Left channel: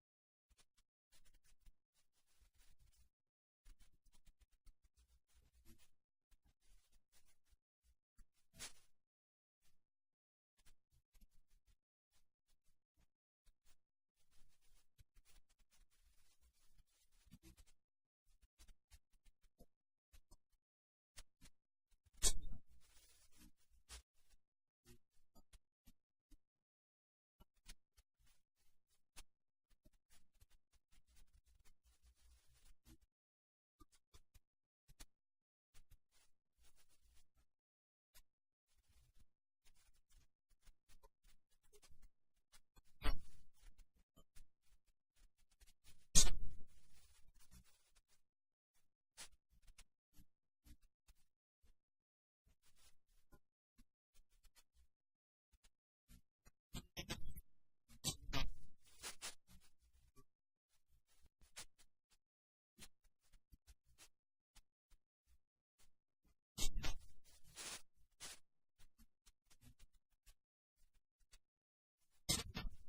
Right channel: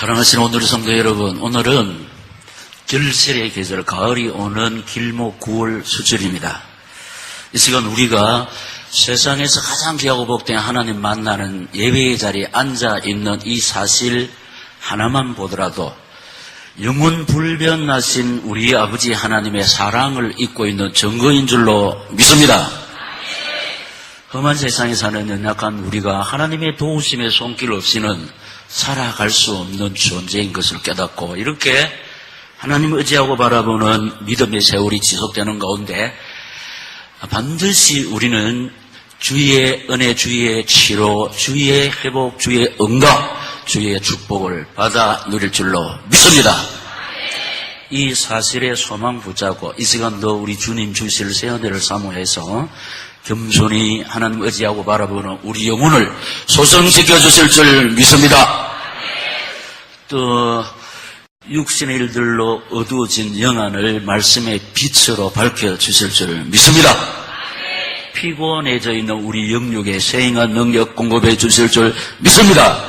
사랑하시는 오늘의 성도 여러분, 오늘은 결실의 계절, 가을이 오는 길목 9월 수절입니다. 이 시간 우리가 세상에서 가장 귀하고 복된 하나님 만나는 예배의 자리에 앉아있는 이 사실 하나만 보더라도 영원 불변하신 우리 아버지 하나님의 사랑을 잊고 있는 증거인 줄로 믿습니다. 험한 세상에 사는 연약한 우리가 하나님의 도우심의 손길 없이는 살아갈 수 없는 존재인 것을 깨닫고 이렇게 하나님을 의지하고 바라보는 믿음의 세월이 지속되는 가운데 반드시 우리는 주의 은혜, 주의 치료, 주의 회복, 주의 응답, 주의 축복을 받아 누릴 줄로 믿습니다. 이 사실에 소망 붙잡고 이 시간도 우리 주님 주실 새 은혜를 사모해서 겸손히 하나님 의지하고 바라보는 우리 영혼을 소성시켜 주실 줄 믿습니다. 또 육신의 일들로 어두워진 영안을 말씀의 빛으로 밝혀주실 줄 믿습니다. 피곤해져 있는 우리 영육에 세행한 능력 공급해 주실 줄 믿습니다.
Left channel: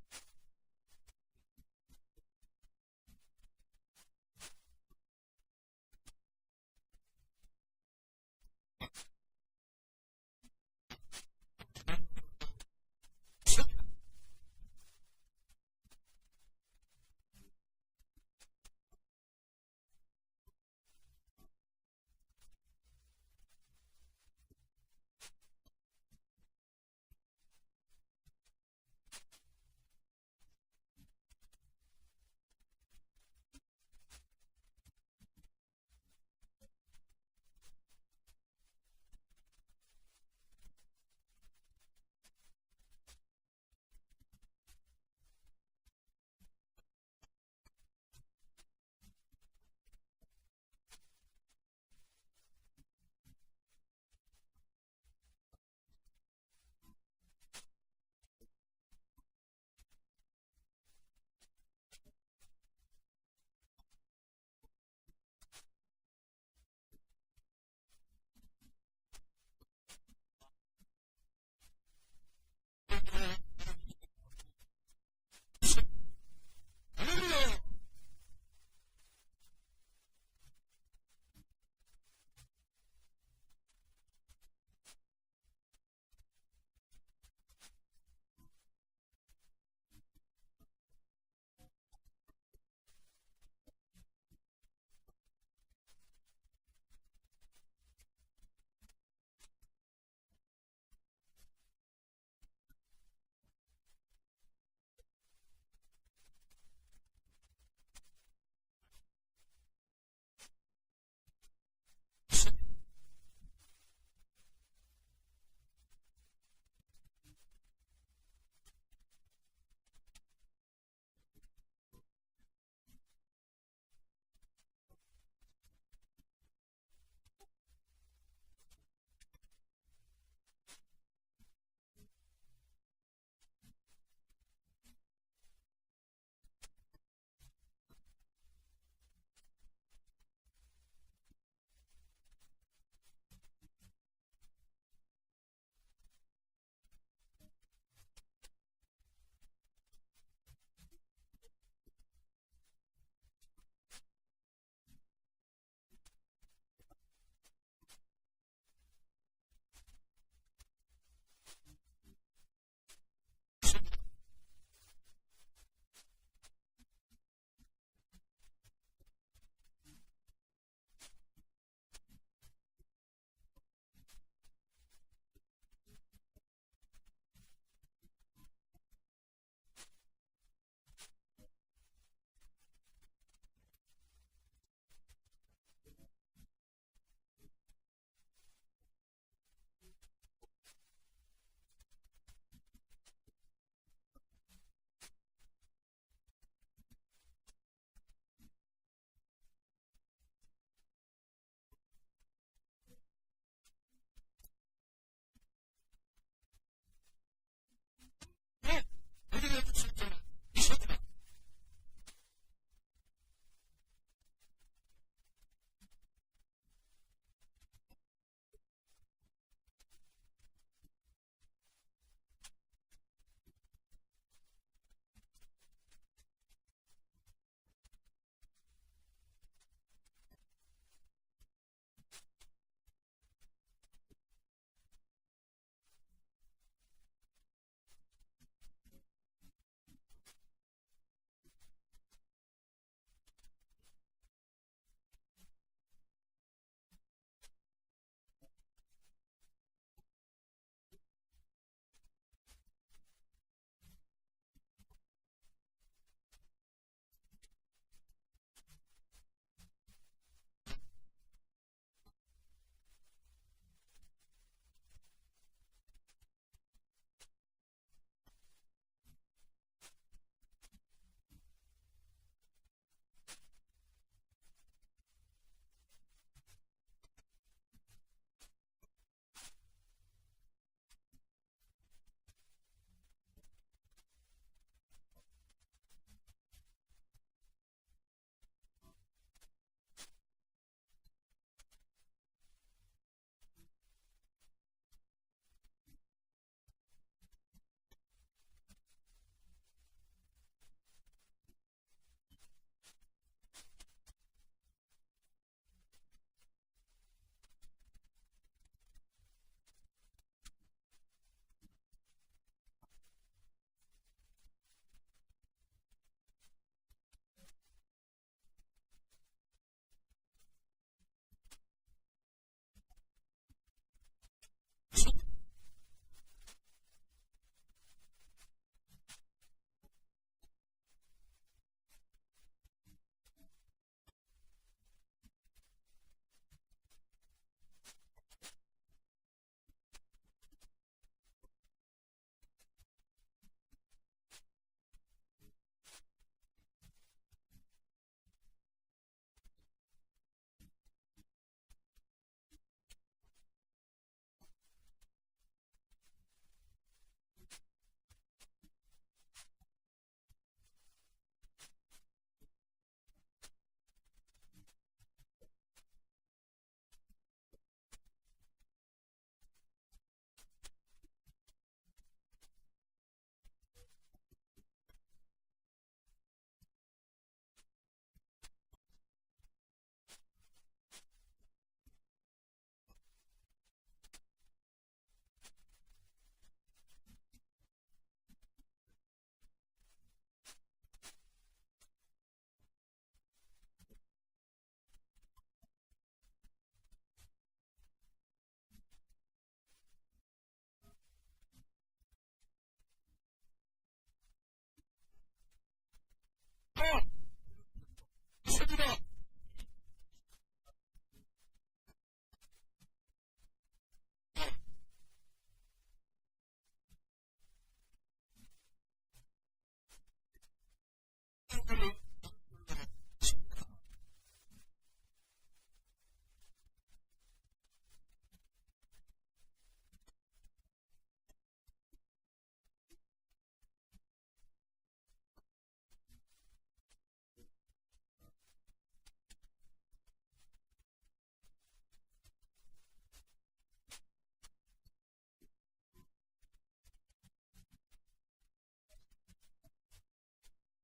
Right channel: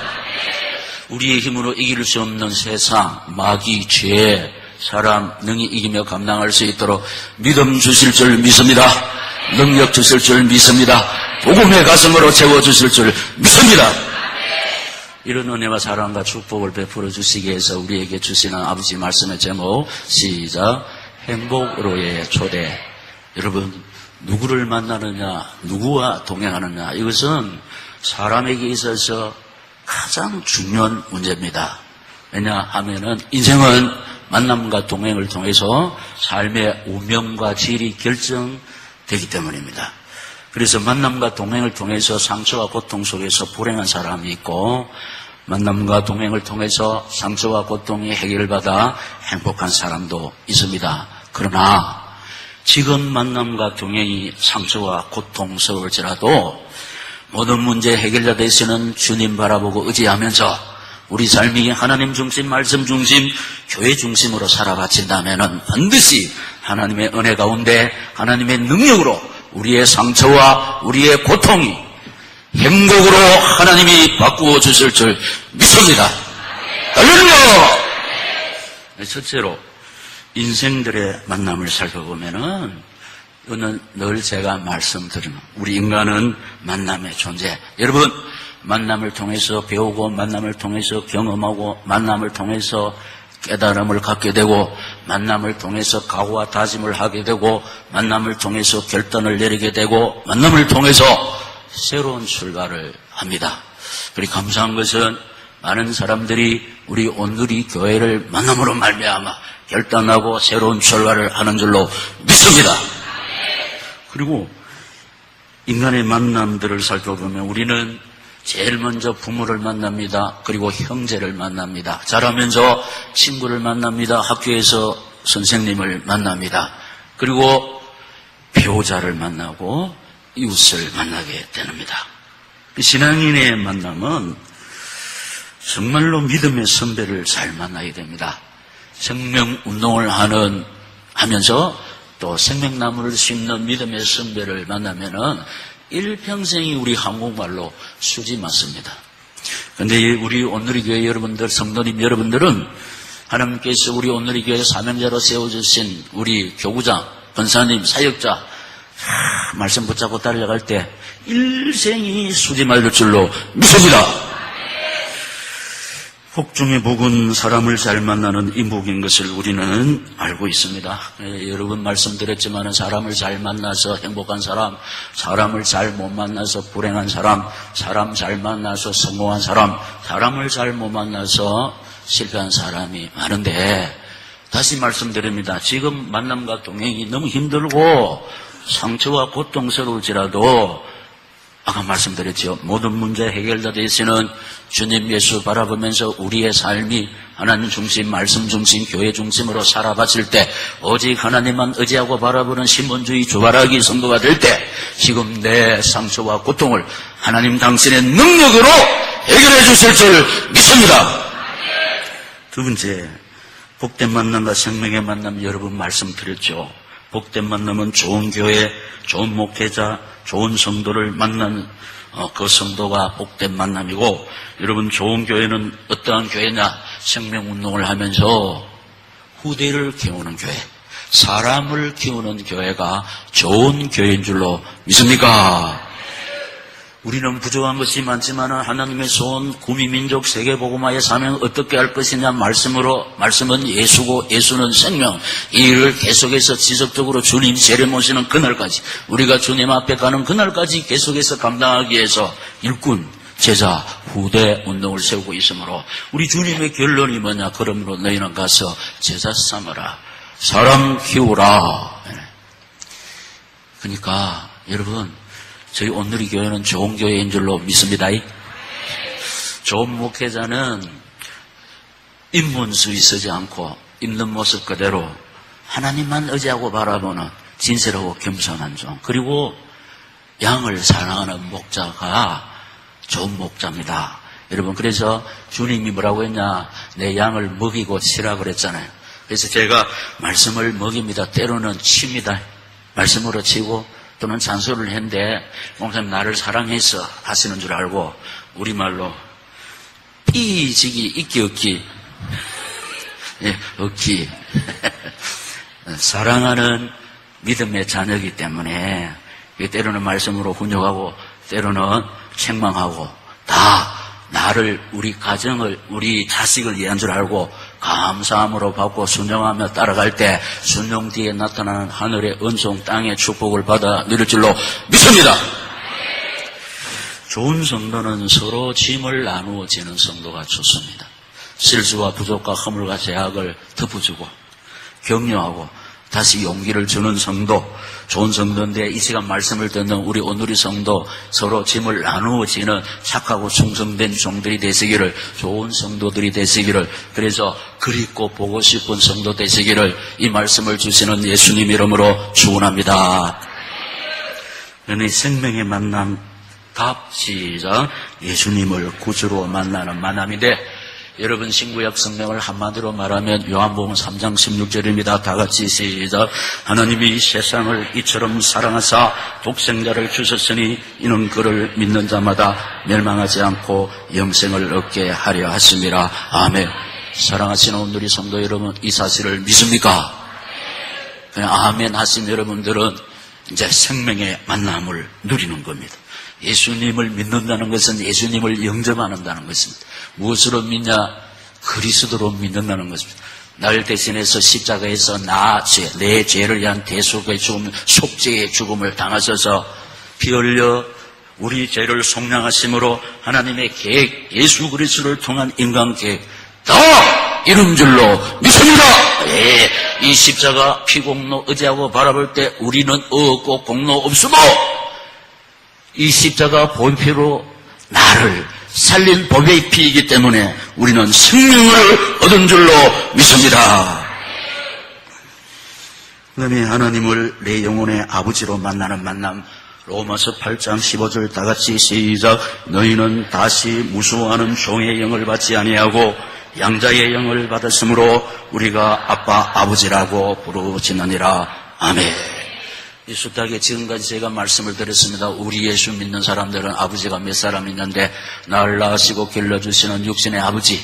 우리의 힘으로 이길 수 없는 세상, 마귀, 죄, 사람 능히 이기며 감당할 수 있도록 믿음 주실 줄 믿습니다. 능력 주실 줄 믿습니다. 복음의 가슴으로 채워주실 줄 믿습니다. 이런 은혜와 사랑과 축복을 베풀어 주시기 위해서 우리에게 주시는 아버지 말씀의 제목, 시작. 행복으로의 초대. 여러분, 누구를 만나느냐, 누구와 동행하느냐, 이것은 사람에게 있어서 가장 중요한 문제입니다. 왜냐하면은 인생은 만남과 동행을 통해서 삶의 운명과 질이 결정되기 때문입니다. 그래서 만남과 동행을 통해서 상처와 고통 속에서 불행한 사람이 있고, 만남과 동행을 통해서 상처와 고통이 해결받아 행복한 사람도 있습니다. 그러나 지금 만남과 동행이 상처와 고통스러울지라도 모든 문제 해결자 되시는 주님 바라보고 의지하면서 우리 삶이 하나님 중심, 말씀 중심, 교회 중심으로 살아가친다면 반드시 하나님의 은혜 가운데 하나님의 능력으로 우리의 상처와 우리의 고통이 행복으로 하나님이 바꾸어 주실 줄 믿습니다. 할렐루야! 첫째로 인생들의 만남을 살펴보면은 이거는 늘 제가 말씀드리는 우리 인간은 만남의 존재. 여러분, 만남을 통해서 배우고 만남을 통해서 경험하고 만남을 통해서 깨달음을 갖게 되고 만남을 통해서 각오와 다짐을 하게 되고 만남을 통해서 결단을 내리게 되고 만남을 통해서 새로운 출발을 합니다. 그리고 감사한 것은 많은 사람들이 우리 온누리 교회를 만남으로 말미암아 결단하고 새로운 출발을 하는 줄로 믿습니다. 그리고 인간의 만남들을 살펴보면 우리는 제일 먼저 부모를 만납니다. 그리고 형제를 만납니다. 자라면서 친구를 만납니다. 학교에서 선생님을 만납니다. 그리고 배우자를 만나고 이웃을 만나게 됩니다. 신앙인의 만남은 정말로 믿음의 선배를 잘 만나게 됩니다. 생명운동을 하면서 또 생명나무를 심는 믿음의 선배를 만나면은 일평생이 우리 한국말로 수지 맞습니다. 그런데 우리 온누리 교회 여러분들, 성도님 여러분들은 하나님께서 우리 온누리 교회 사명자로 세워주신 우리 교구장, 권사님, 사역자 말씀 붙잡고 달려갈 때 일생이 수지 말릴 줄로 믿습니다. 복 중에 복은 사람을 잘 만나는 인복인 것을 우리는 알고 있습니다. 여러분 말씀드렸지만 사람을 잘 만나서 행복한 사람, 사람을 잘 못 만나서 불행한 사람, 사람 잘 만나서 성공한 사람, 사람을 잘 못 만나서 실패한 사람이 많은데 다시 말씀드립니다. 지금 만남과 동행이 너무 힘들고 상처와 고통스러울지라도 아까 말씀드렸죠. 모든 문제 해결자 되시는 주님 예수 바라보면서 우리의 삶이 하나님 중심, 말씀 중심, 교회 중심으로 살아봤을 때 오직 하나님만 의지하고 바라보는 신본주의 주바라기 성도가 될 때 지금 내 상처와 고통을 하나님 당신의 능력으로 해결해 주실 줄 믿습니다. 두 번째, 복된 만남과 생명의 만남 여러분 말씀드렸죠. 복된 만남은 좋은 교회, 좋은 목회자, 좋은 성도를 만난 그 성도가 복된 만남이고, 여러분 좋은 교회는 어떠한 교회냐? 생명운동을 하면서 후대를 키우는 교회, 사람을 키우는 교회가 좋은 교회인 줄로 믿습니까? 우리는 부족한 것이 많지만 하나님의 소원, 구미민족 세계복음화의 사명 어떻게 할 것이냐 말씀은 예수고 예수는 생명. 이 일을 계속해서 지속적으로 주님 재림 모시는 그날까지, 우리가 주님 앞에 가는 그날까지 계속해서 감당하기 위해서 일꾼, 제자, 후대 운동을 세우고 있으므로 우리 주님의 결론이 뭐냐? 그러므로 너희는 가서 제자 삼으라, 사람 키우라. 그러니까 여러분, 저희 온누리 교회는 좋은 교회인 줄로 믿습니다. 좋은 목회자는 입문수위 쓰지 않고 있는 모습 그대로 하나님만 의지하고 바라보는 진실하고 겸손한 종, 그리고 양을 사랑하는 목자가 좋은 목자입니다. 여러분, 그래서 주님이 뭐라고 했냐? 내 양을 먹이고 치라 그랬잖아요. 그래서 제가 말씀을 먹입니다. 때로는 칩니다. 말씀으로 치고 또는 잔소리를 했는데, 목사님 나를 사랑해서 하시는 줄 알고 우리말로 삐지기 있기 없기, 없기. 사랑하는 믿음의 자녀이기 때문에 때로는 말씀으로 훈육하고 때로는 책망하고, 다 나를, 우리 가정을, 우리 자식을 위한 줄 알고 감사함으로 받고 순종하며 따라갈 때 순종 뒤에 나타나는 하늘의 은총, 땅의 축복을 받아 누릴 줄로 믿습니다. 좋은 성도는 서로 짐을 나누어 지는 성도가 좋습니다. 실수와 부족과 허물과 제약을 덮어주고 격려하고 다시 용기를 주는 성도, 좋은 성도인데 이 시간 말씀을 듣는 우리 온누리 성도, 서로 짐을 나누어 지는 착하고 충성된 종들이 되시기를, 좋은 성도들이 되시기를, 그래서 그립고 보고 싶은 성도 되시기를 이 말씀을 주시는 예수님 이름으로 축원합니다. 은혜 생명의 만남, 답 시작. 예수님을 구주로 만나는 만남인데, 여러분 신구약 성경을 한마디로 말하면 요한복음 3장 16절입니다. 다 같이 시작. 하나님이 세상을 이처럼 사랑하사 독생자를 주셨으니 이는 그를 믿는 자마다 멸망하지 않고 영생을 얻게 하려 하심이라. 아멘. 사랑하시는 온누리 성도 여러분, 이 사실을 믿습니까? 그냥 아멘 하신 여러분들은 이제 생명의 만남을 누리는 겁니다. 예수님을 믿는다는 것은 예수님을 영접한다는 것입니다. 무엇으로 믿냐? 그리스도로 믿는다는 것입니다. 날 대신해서 십자가에서 내 죄를 위한 대속의 죽음, 속죄의 죽음을 당하셔서 피 흘려 우리 죄를 속량하심으로 하나님의 계획, 예수 그리스도를 통한 인간 계획 다 이룬 줄로 믿습니다. 예, 이 십자가 피공로 의지하고 바라볼 때 우리는 없고 공로 없으므로 이 십자가 본피로 나를 살린 법의 피이기 때문에 우리는 생명을 얻은 줄로 믿습니다. 그다음에 하나님을 내 영혼의 아버지로 만나는 만남, 로마서 8장 15절 다 같이 시작. 너희는 다시 무수하는 종의 영을 받지 아니하고 양자의 영을 받았으므로 우리가 아빠 아버지라고 부르짖느니라. 아멘. 이 숱하게 지금까지 제가 말씀을 드렸습니다. 우리 예수 믿는 사람들은 아버지가 몇 사람 있는데 나를 낳으시고 길러주시는 육신의 아버지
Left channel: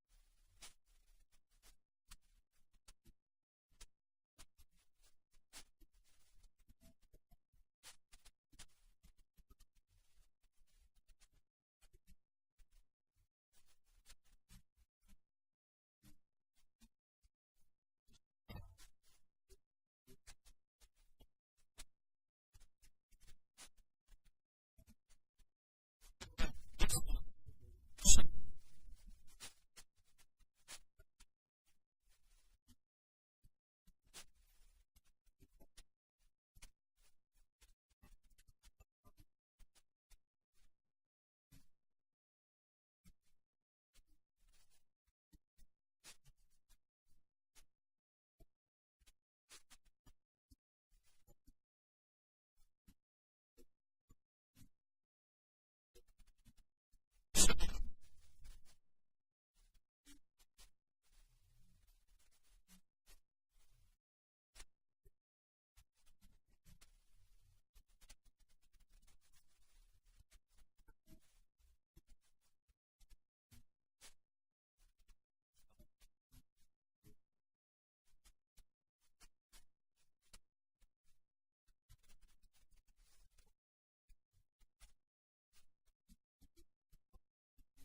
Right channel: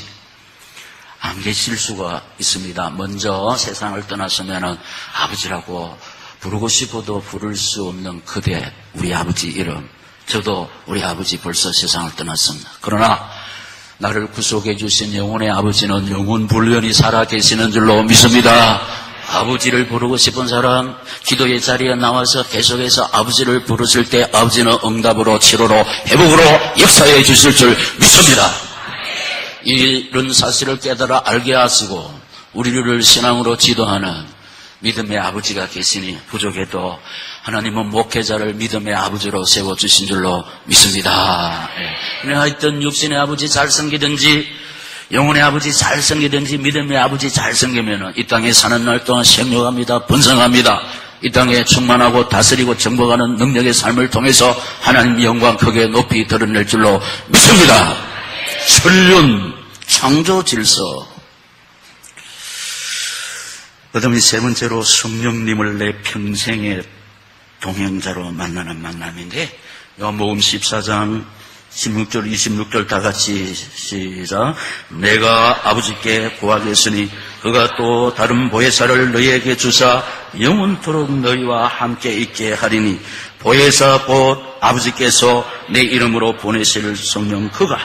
안 계실 수가 있습니다. 먼저 세상을 떠났으면 아버지라고 부르고 싶어도 부를 수 없는 그대, 우리 아버지 이름. 저도 우리 아버지 벌써 세상을 떠났습니다. 그러나 나를 구속해 주신 영혼의 아버지는 영원 불변히 살아계시는 줄로 믿습니다. 아버지를 부르고 싶은 사람, 기도의 자리에 나와서 계속해서 아버지를 부르실 때 아버지는 응답으로, 치료로, 회복으로 역사해 주실 줄 믿습니다. 이런 사실을 깨달아 알게 하시고 우리를 신앙으로 지도하는 믿음의 아버지가 계시니 부족해도 하나님은 목회자를 믿음의 아버지로 세워주신 줄로 믿습니다. 하여튼 육신의 아버지 잘생기든지 영혼의 아버지 잘생기든지 믿음의 아버지 잘생기면 이 땅에 사는 날 동안 생육합니다. 번성합니다. 이 땅에 충만하고 다스리고 정복하는 능력의 삶을 통해서 하나님 영광 크게 높이 드러낼 줄로 믿습니다. 천륜 창조 질서. 그 다음에 세 번째로 성령님을 내 평생의 동행자로 만나는 만남인데, 요한복음 14장 16절 26절 다 같이 시작. 내가 아버지께 구하겠으니 그가 또 다른 보혜사를 너희에게 주사 영원토록 너희와 함께 있게 하리니 보혜사 곧 아버지께서 내 이름으로 보내실 성령 그가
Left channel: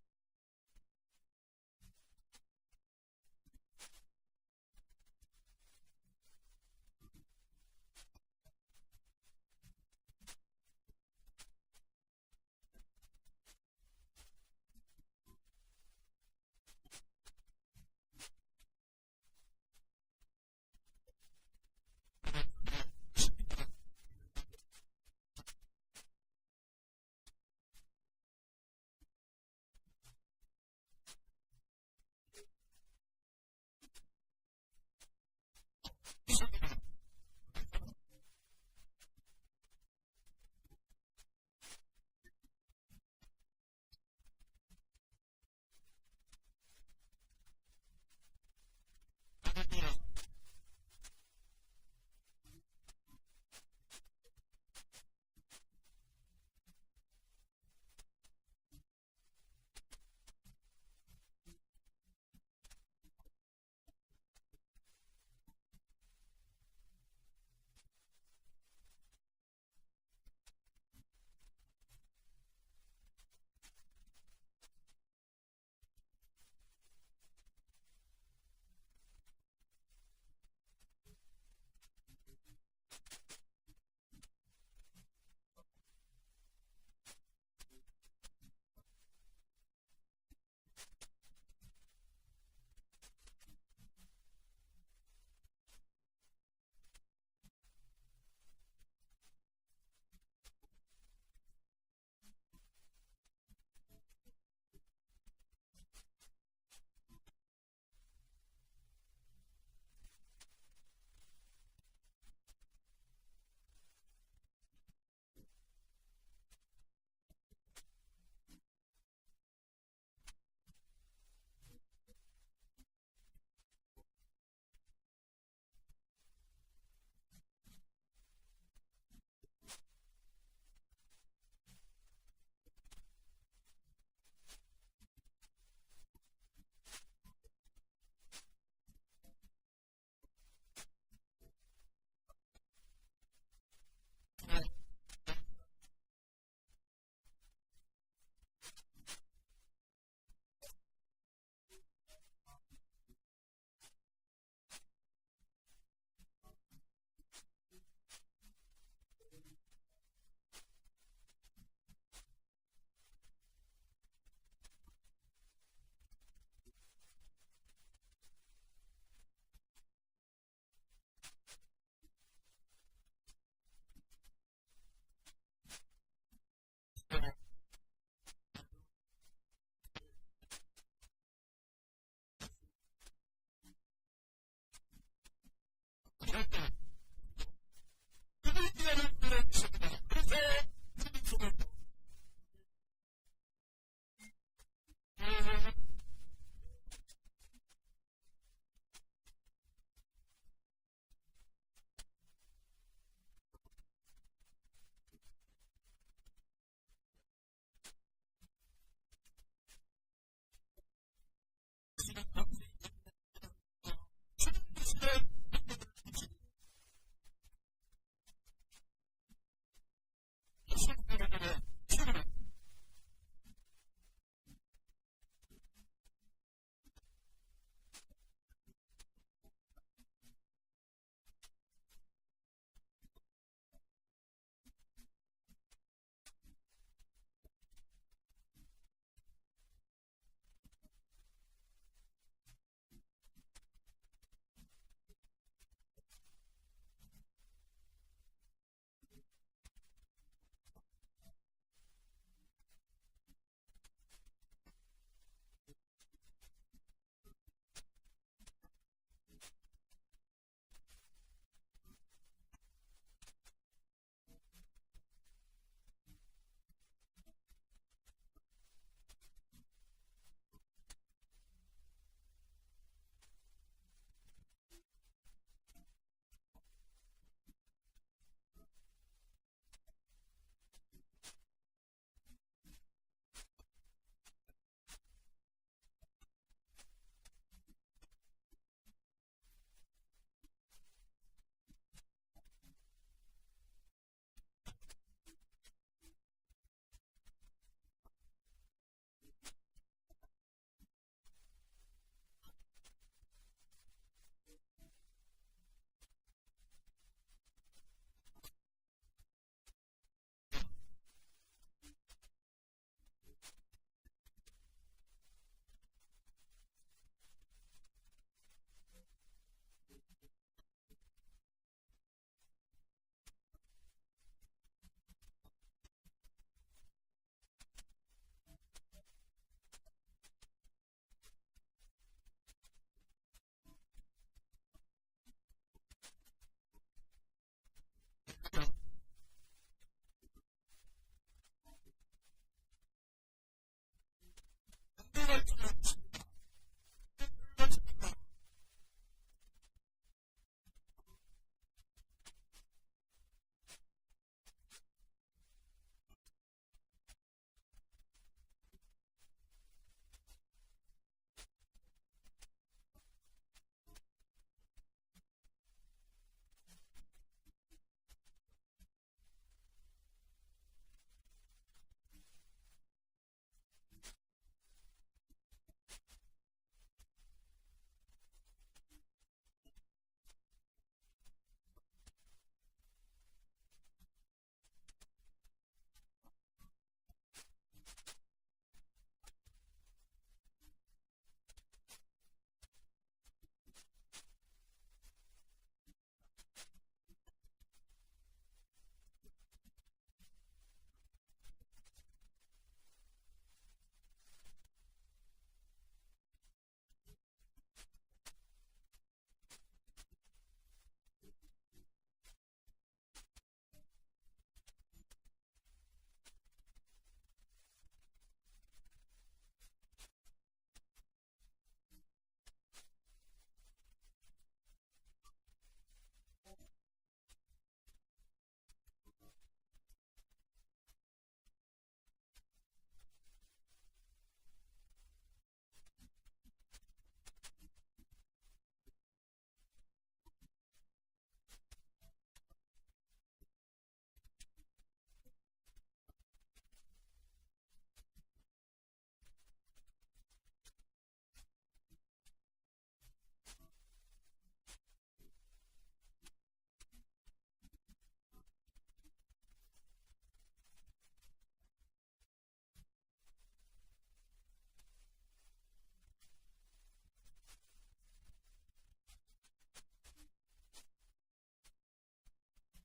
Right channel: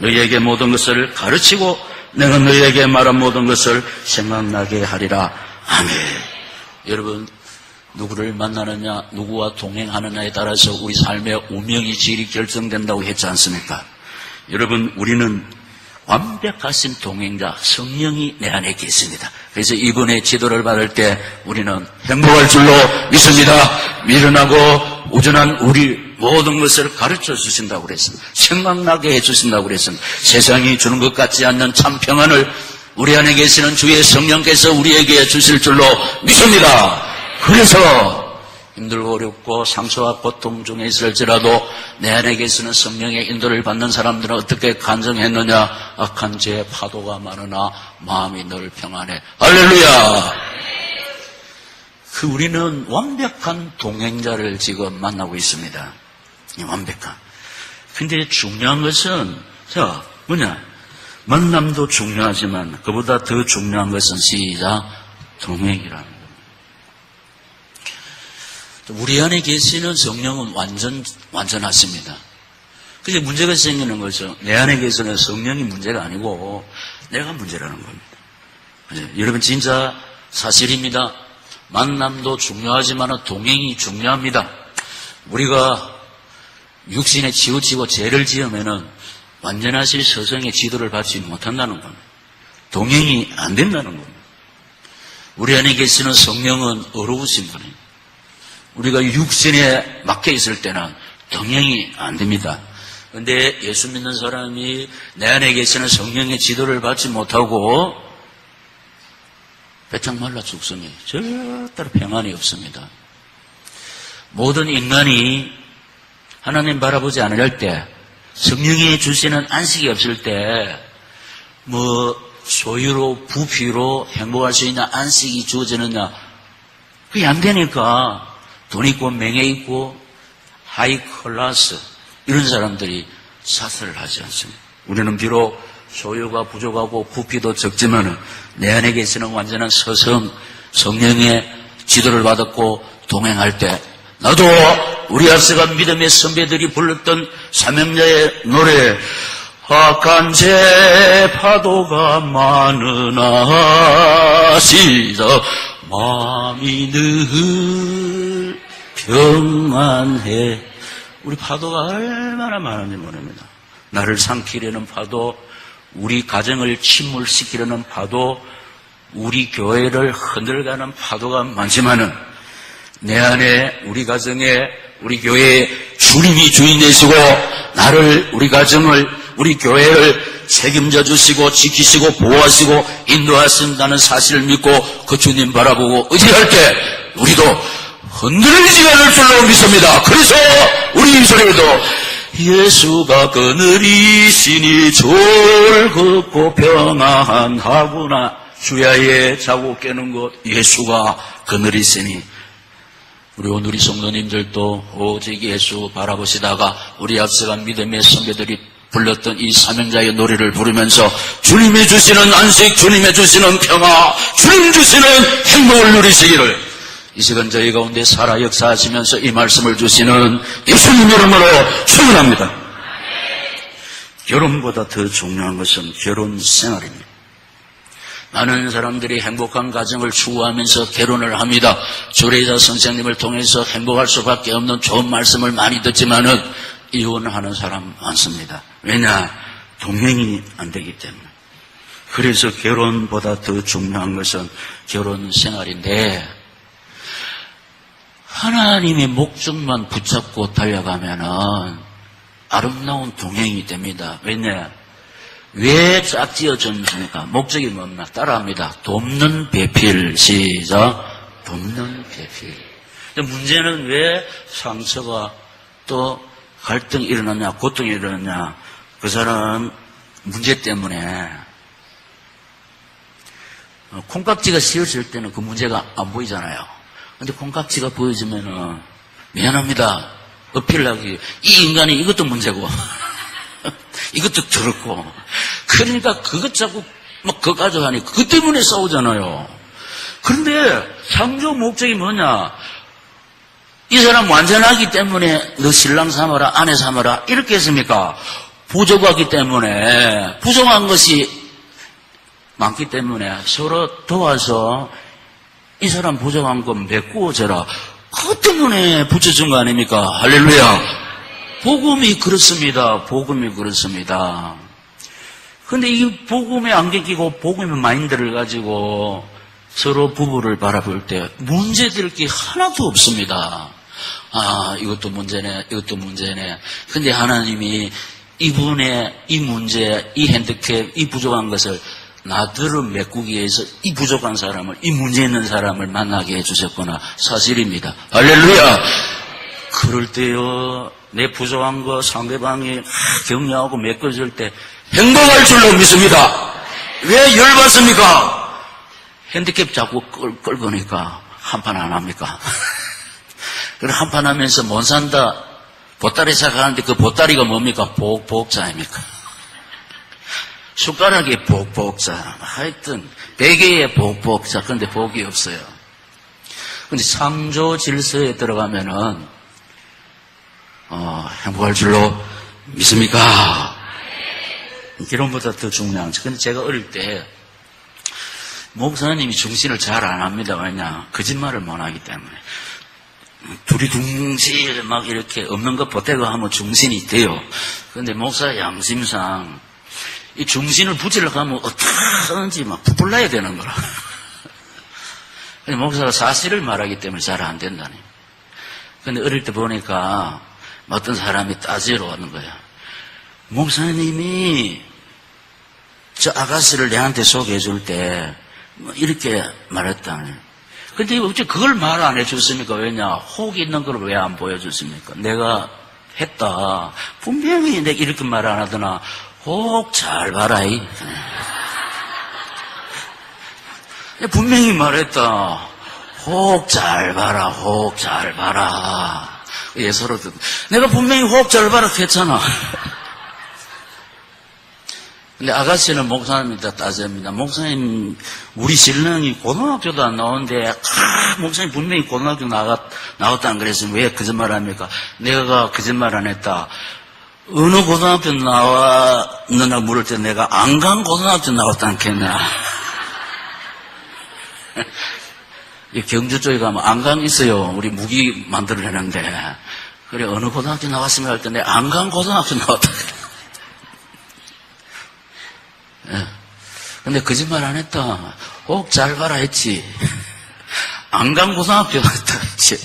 너희에게 모든 것을 가르치고 내가 너희에게 말한 모든 것을 생각나게 하리라. 아멘. 여러분, 누구를 만나느냐, 누구와 동행하느냐에 따라서 우리 삶의 운명이 질이 결정된다고 했지 않습니까? 여러분, 우리는 완벽하신 동행자 성령이 내 안에 계십니다. 그래서 이분의 지도를 받을 때 우리는 행복할 줄로 믿습니다. 미련하고 우전한 우리 모든 것을 가르쳐 주신다고 그랬습니다. 생각나게 해주신다고 그랬습니다. 세상이 주는 것 같지 않는 참 평안을 우리 안에 계시는 주의 성령께서 우리에게 주실 줄로 믿습니다. 그래서 힘들고 어렵고 상처와 고통 중에 있을지라도 내 안에 계시는 성령의 인도를 받는 사람들은 어떻게 간증했느냐. 악한 죄의 파도가 많으나 마음이 늘 평안해. 할렐루야. 우리는 완벽한 동행자를 지금 만나고 있습니다. 완벽한. 근데 중요한 것은 뭐냐, 만남도 중요하지만 그보다 더 중요한 것은 시작 동행이라는 겁니다. 우리 안에 계시는 성령은 완전하십니다. 그게 문제가 생기는 거죠. 내 안에 계시는 성령이 문제가 아니고 내가 문제라는 겁니다. 여러분, 진짜 사실입니다. 만남도 중요하지만 동행이 중요합니다. 우리가 육신에 치우치고 죄를 지으면은 완전하신 서성의 지도를 받지 못한다는 겁니다. 동행이 안 된다는 겁니다. 우리 안에 계시는 성령은 어려우신 분입니다. 우리가 육신에 막혀 있을 때는 동행이 안 됩니다. 그런데 예수 믿는 사람이 내 안에 계시는 성령의 지도를 받지 못하고 배짱 말라 죽습니다. 절대로 평안이 없습니다. 모든 인간이 하나님 바라보지 않을 때, 성령이 주시는 안식이 없을 때, 소유로 부피로 행복할 수 있는 안식이 주어지느냐, 그게 안 되니까 돈 있고 명예 있고 하이 클래스 이런 사람들이 사슬을 하지 않습니다. 우리는 비록 소유가 부족하고 부피도 적지만 내 안에 계시는 완전한 성령의 지도를 받았고 동행할 때, 나도 우리 앞서간 믿음의 선배들이 불렀던 사명자의 노래, 악한 죄 파도가 많으나 시작 마음이 늘 평안해. 우리 파도가 얼마나 많은지 모릅니다. 나를 삼키려는 파도, 우리 가정을 침몰시키려는 파도, 우리 교회를 흔들가는 파도가 많지만은 내 안에 우리 가정에 우리 교회에 주님이 주인 되시고 나를, 우리 가정을, 우리 교회를 책임져 주시고 지키시고 보호하시고 인도하신다는 사실을 믿고 그 주님 바라보고 의지할 때 우리도 흔들리지 않을 줄로 믿습니다. 그래서 우리 입술에도 예수가 그늘이시니 즐겁고 평안하구나. 주야에 자고 깨는 것 예수가 그늘이시니. 우리 오늘 이 성도님들도 오직 예수 바라보시다가 우리 앞서간 믿음의 선배들이 불렀던 이 사명자의 노래를 부르면서 주님이 주시는 안식, 주님이 주시는 평화, 주님 주시는 행복을 누리시기를 이 시간 저희 가운데 살아 역사하시면서 이 말씀을 주시는 예수님 이름으로 축원합니다. 결혼보다 더 중요한 것은 결혼 생활입니다. 많은 사람들이 행복한 가정을 추구하면서 결혼을 합니다. 주례자 선생님을 통해서 행복할 수밖에 없는 좋은 말씀을 많이 듣지만은 이혼하는 사람 많습니다. 왜냐? 동행이 안 되기 때문에. 그래서 결혼보다 더 중요한 것은 결혼 생활인데 하나님의 목적만 붙잡고 달려가면은 아름다운 동행이 됩니다. 왜냐? 왜 짝지어졌습니까? 목적이 뭡니까? 따라합니다. 돕는 배필. 시작. 돕는 배필. 문제는 왜 상처가 또 갈등이 일어났냐, 고통이 일어났냐. 그 사람 문제 때문에 콩깍지가 씌어질 때는 그 문제가 안 보이잖아요. 근데 콩깍지가 보여지면은 미안합니다. 어필하기. 이 인간이 이것도 문제고, 이것도 더럽고. 그러니까 그것 자꾸 막 그거 가져가니 그것 때문에 싸우잖아요. 그런데 창조 목적이 뭐냐? 이 사람 완전하기 때문에 너 신랑 삼아라, 아내 삼아라 이렇게 했습니까? 부족하기 때문에, 부족한 것이 많기 때문에 서로 도와서 이 사람 부족한 거 메꾸어져라. 그것 때문에 붙여준 거 아닙니까? 할렐루야. 복음이 그렇습니다. 복음이 그렇습니다. 근데 이 복음에 안개 끼고 복음의 마인드를 가지고 서로 부부를 바라볼 때 문제될 게 하나도 없습니다. 아, 이것도 문제네, 이것도 문제네. 근데 하나님이 이분의 이 문제, 이 핸디캡, 이 부족한 것을 나들을 메꾸기 위해서 이 부족한 사람을, 이 문제 있는 사람을 만나게 해주셨구나. 사실입니다. 할렐루야! 그럴 때요, 내 부족한 거 상대방이 격려하고 메꿔줄 때 행복할 줄로 믿습니다. 왜 열받습니까? 핸디캡 자꾸 끌고니까 한판 안 합니까? 그래 한판 하면서 못 산다. 보따리 사가는데 그 보따리가 뭡니까? 복자입니까? 숟가락에 복자. 하여튼 베개에 복자. 그런데 복이 없어요. 근데 창조 질서에 들어가면은 행복할 줄로 믿습니까? 결혼보다 더 중요한 거. 근데 제가 어릴 때 목사님이 중신을 잘 안 합니다. 왜냐? 거짓말을 못 하기 때문에. 둘이 둥실 막 이렇게 없는 것 보태고 하면 중신이 돼요. 그런데 목사 양심상 이 중신을 붙이려고 하면 어떻게 하는지 막 부풀려야 되는 거라. 근데 목사가 사실을 말하기 때문에 잘 안 된다니. 근데 어릴 때 보니까 어떤 사람이 따지러 오는 거야. 목사님이 저 아가씨를 내한테 소개해 줄 때 이렇게 말했다니. 근데 어째 그걸 말 안 해줬습니까? 왜냐? 혹 있는 걸 왜 안 보여줬습니까? 내가 했다. 분명히 내가 이렇게 말 안 하더나. 혹 잘 봐라. 분명히 말했다. 혹 잘 봐라. 혹 잘 봐라. 예, 서로 내가 분명히 혹 잘 봐라 했잖아. 근데 아가씨는 목사님한테 따집니다. 목사님, 우리 신랑이 고등학교도 안 나오는데, 목사님 분명히 고등학교 나왔다는 그랬으면 왜 거짓말 합니까? 내가 거짓말 안 했다. 어느 고등학교 나왔느냐 물을 때 내가 안 간 고등학교 나왔다는 했나? 경주 쪽에 가면 안강 있어요. 우리 무기 만들어내는데. 그래, 어느 고등학교 나왔으면 할 때 내가 안 간 고등학교 나왔다. 예. 근데 거짓말 안 했다. 혹 잘 봐라 했지. 안 간 고등학교 갔다 했지.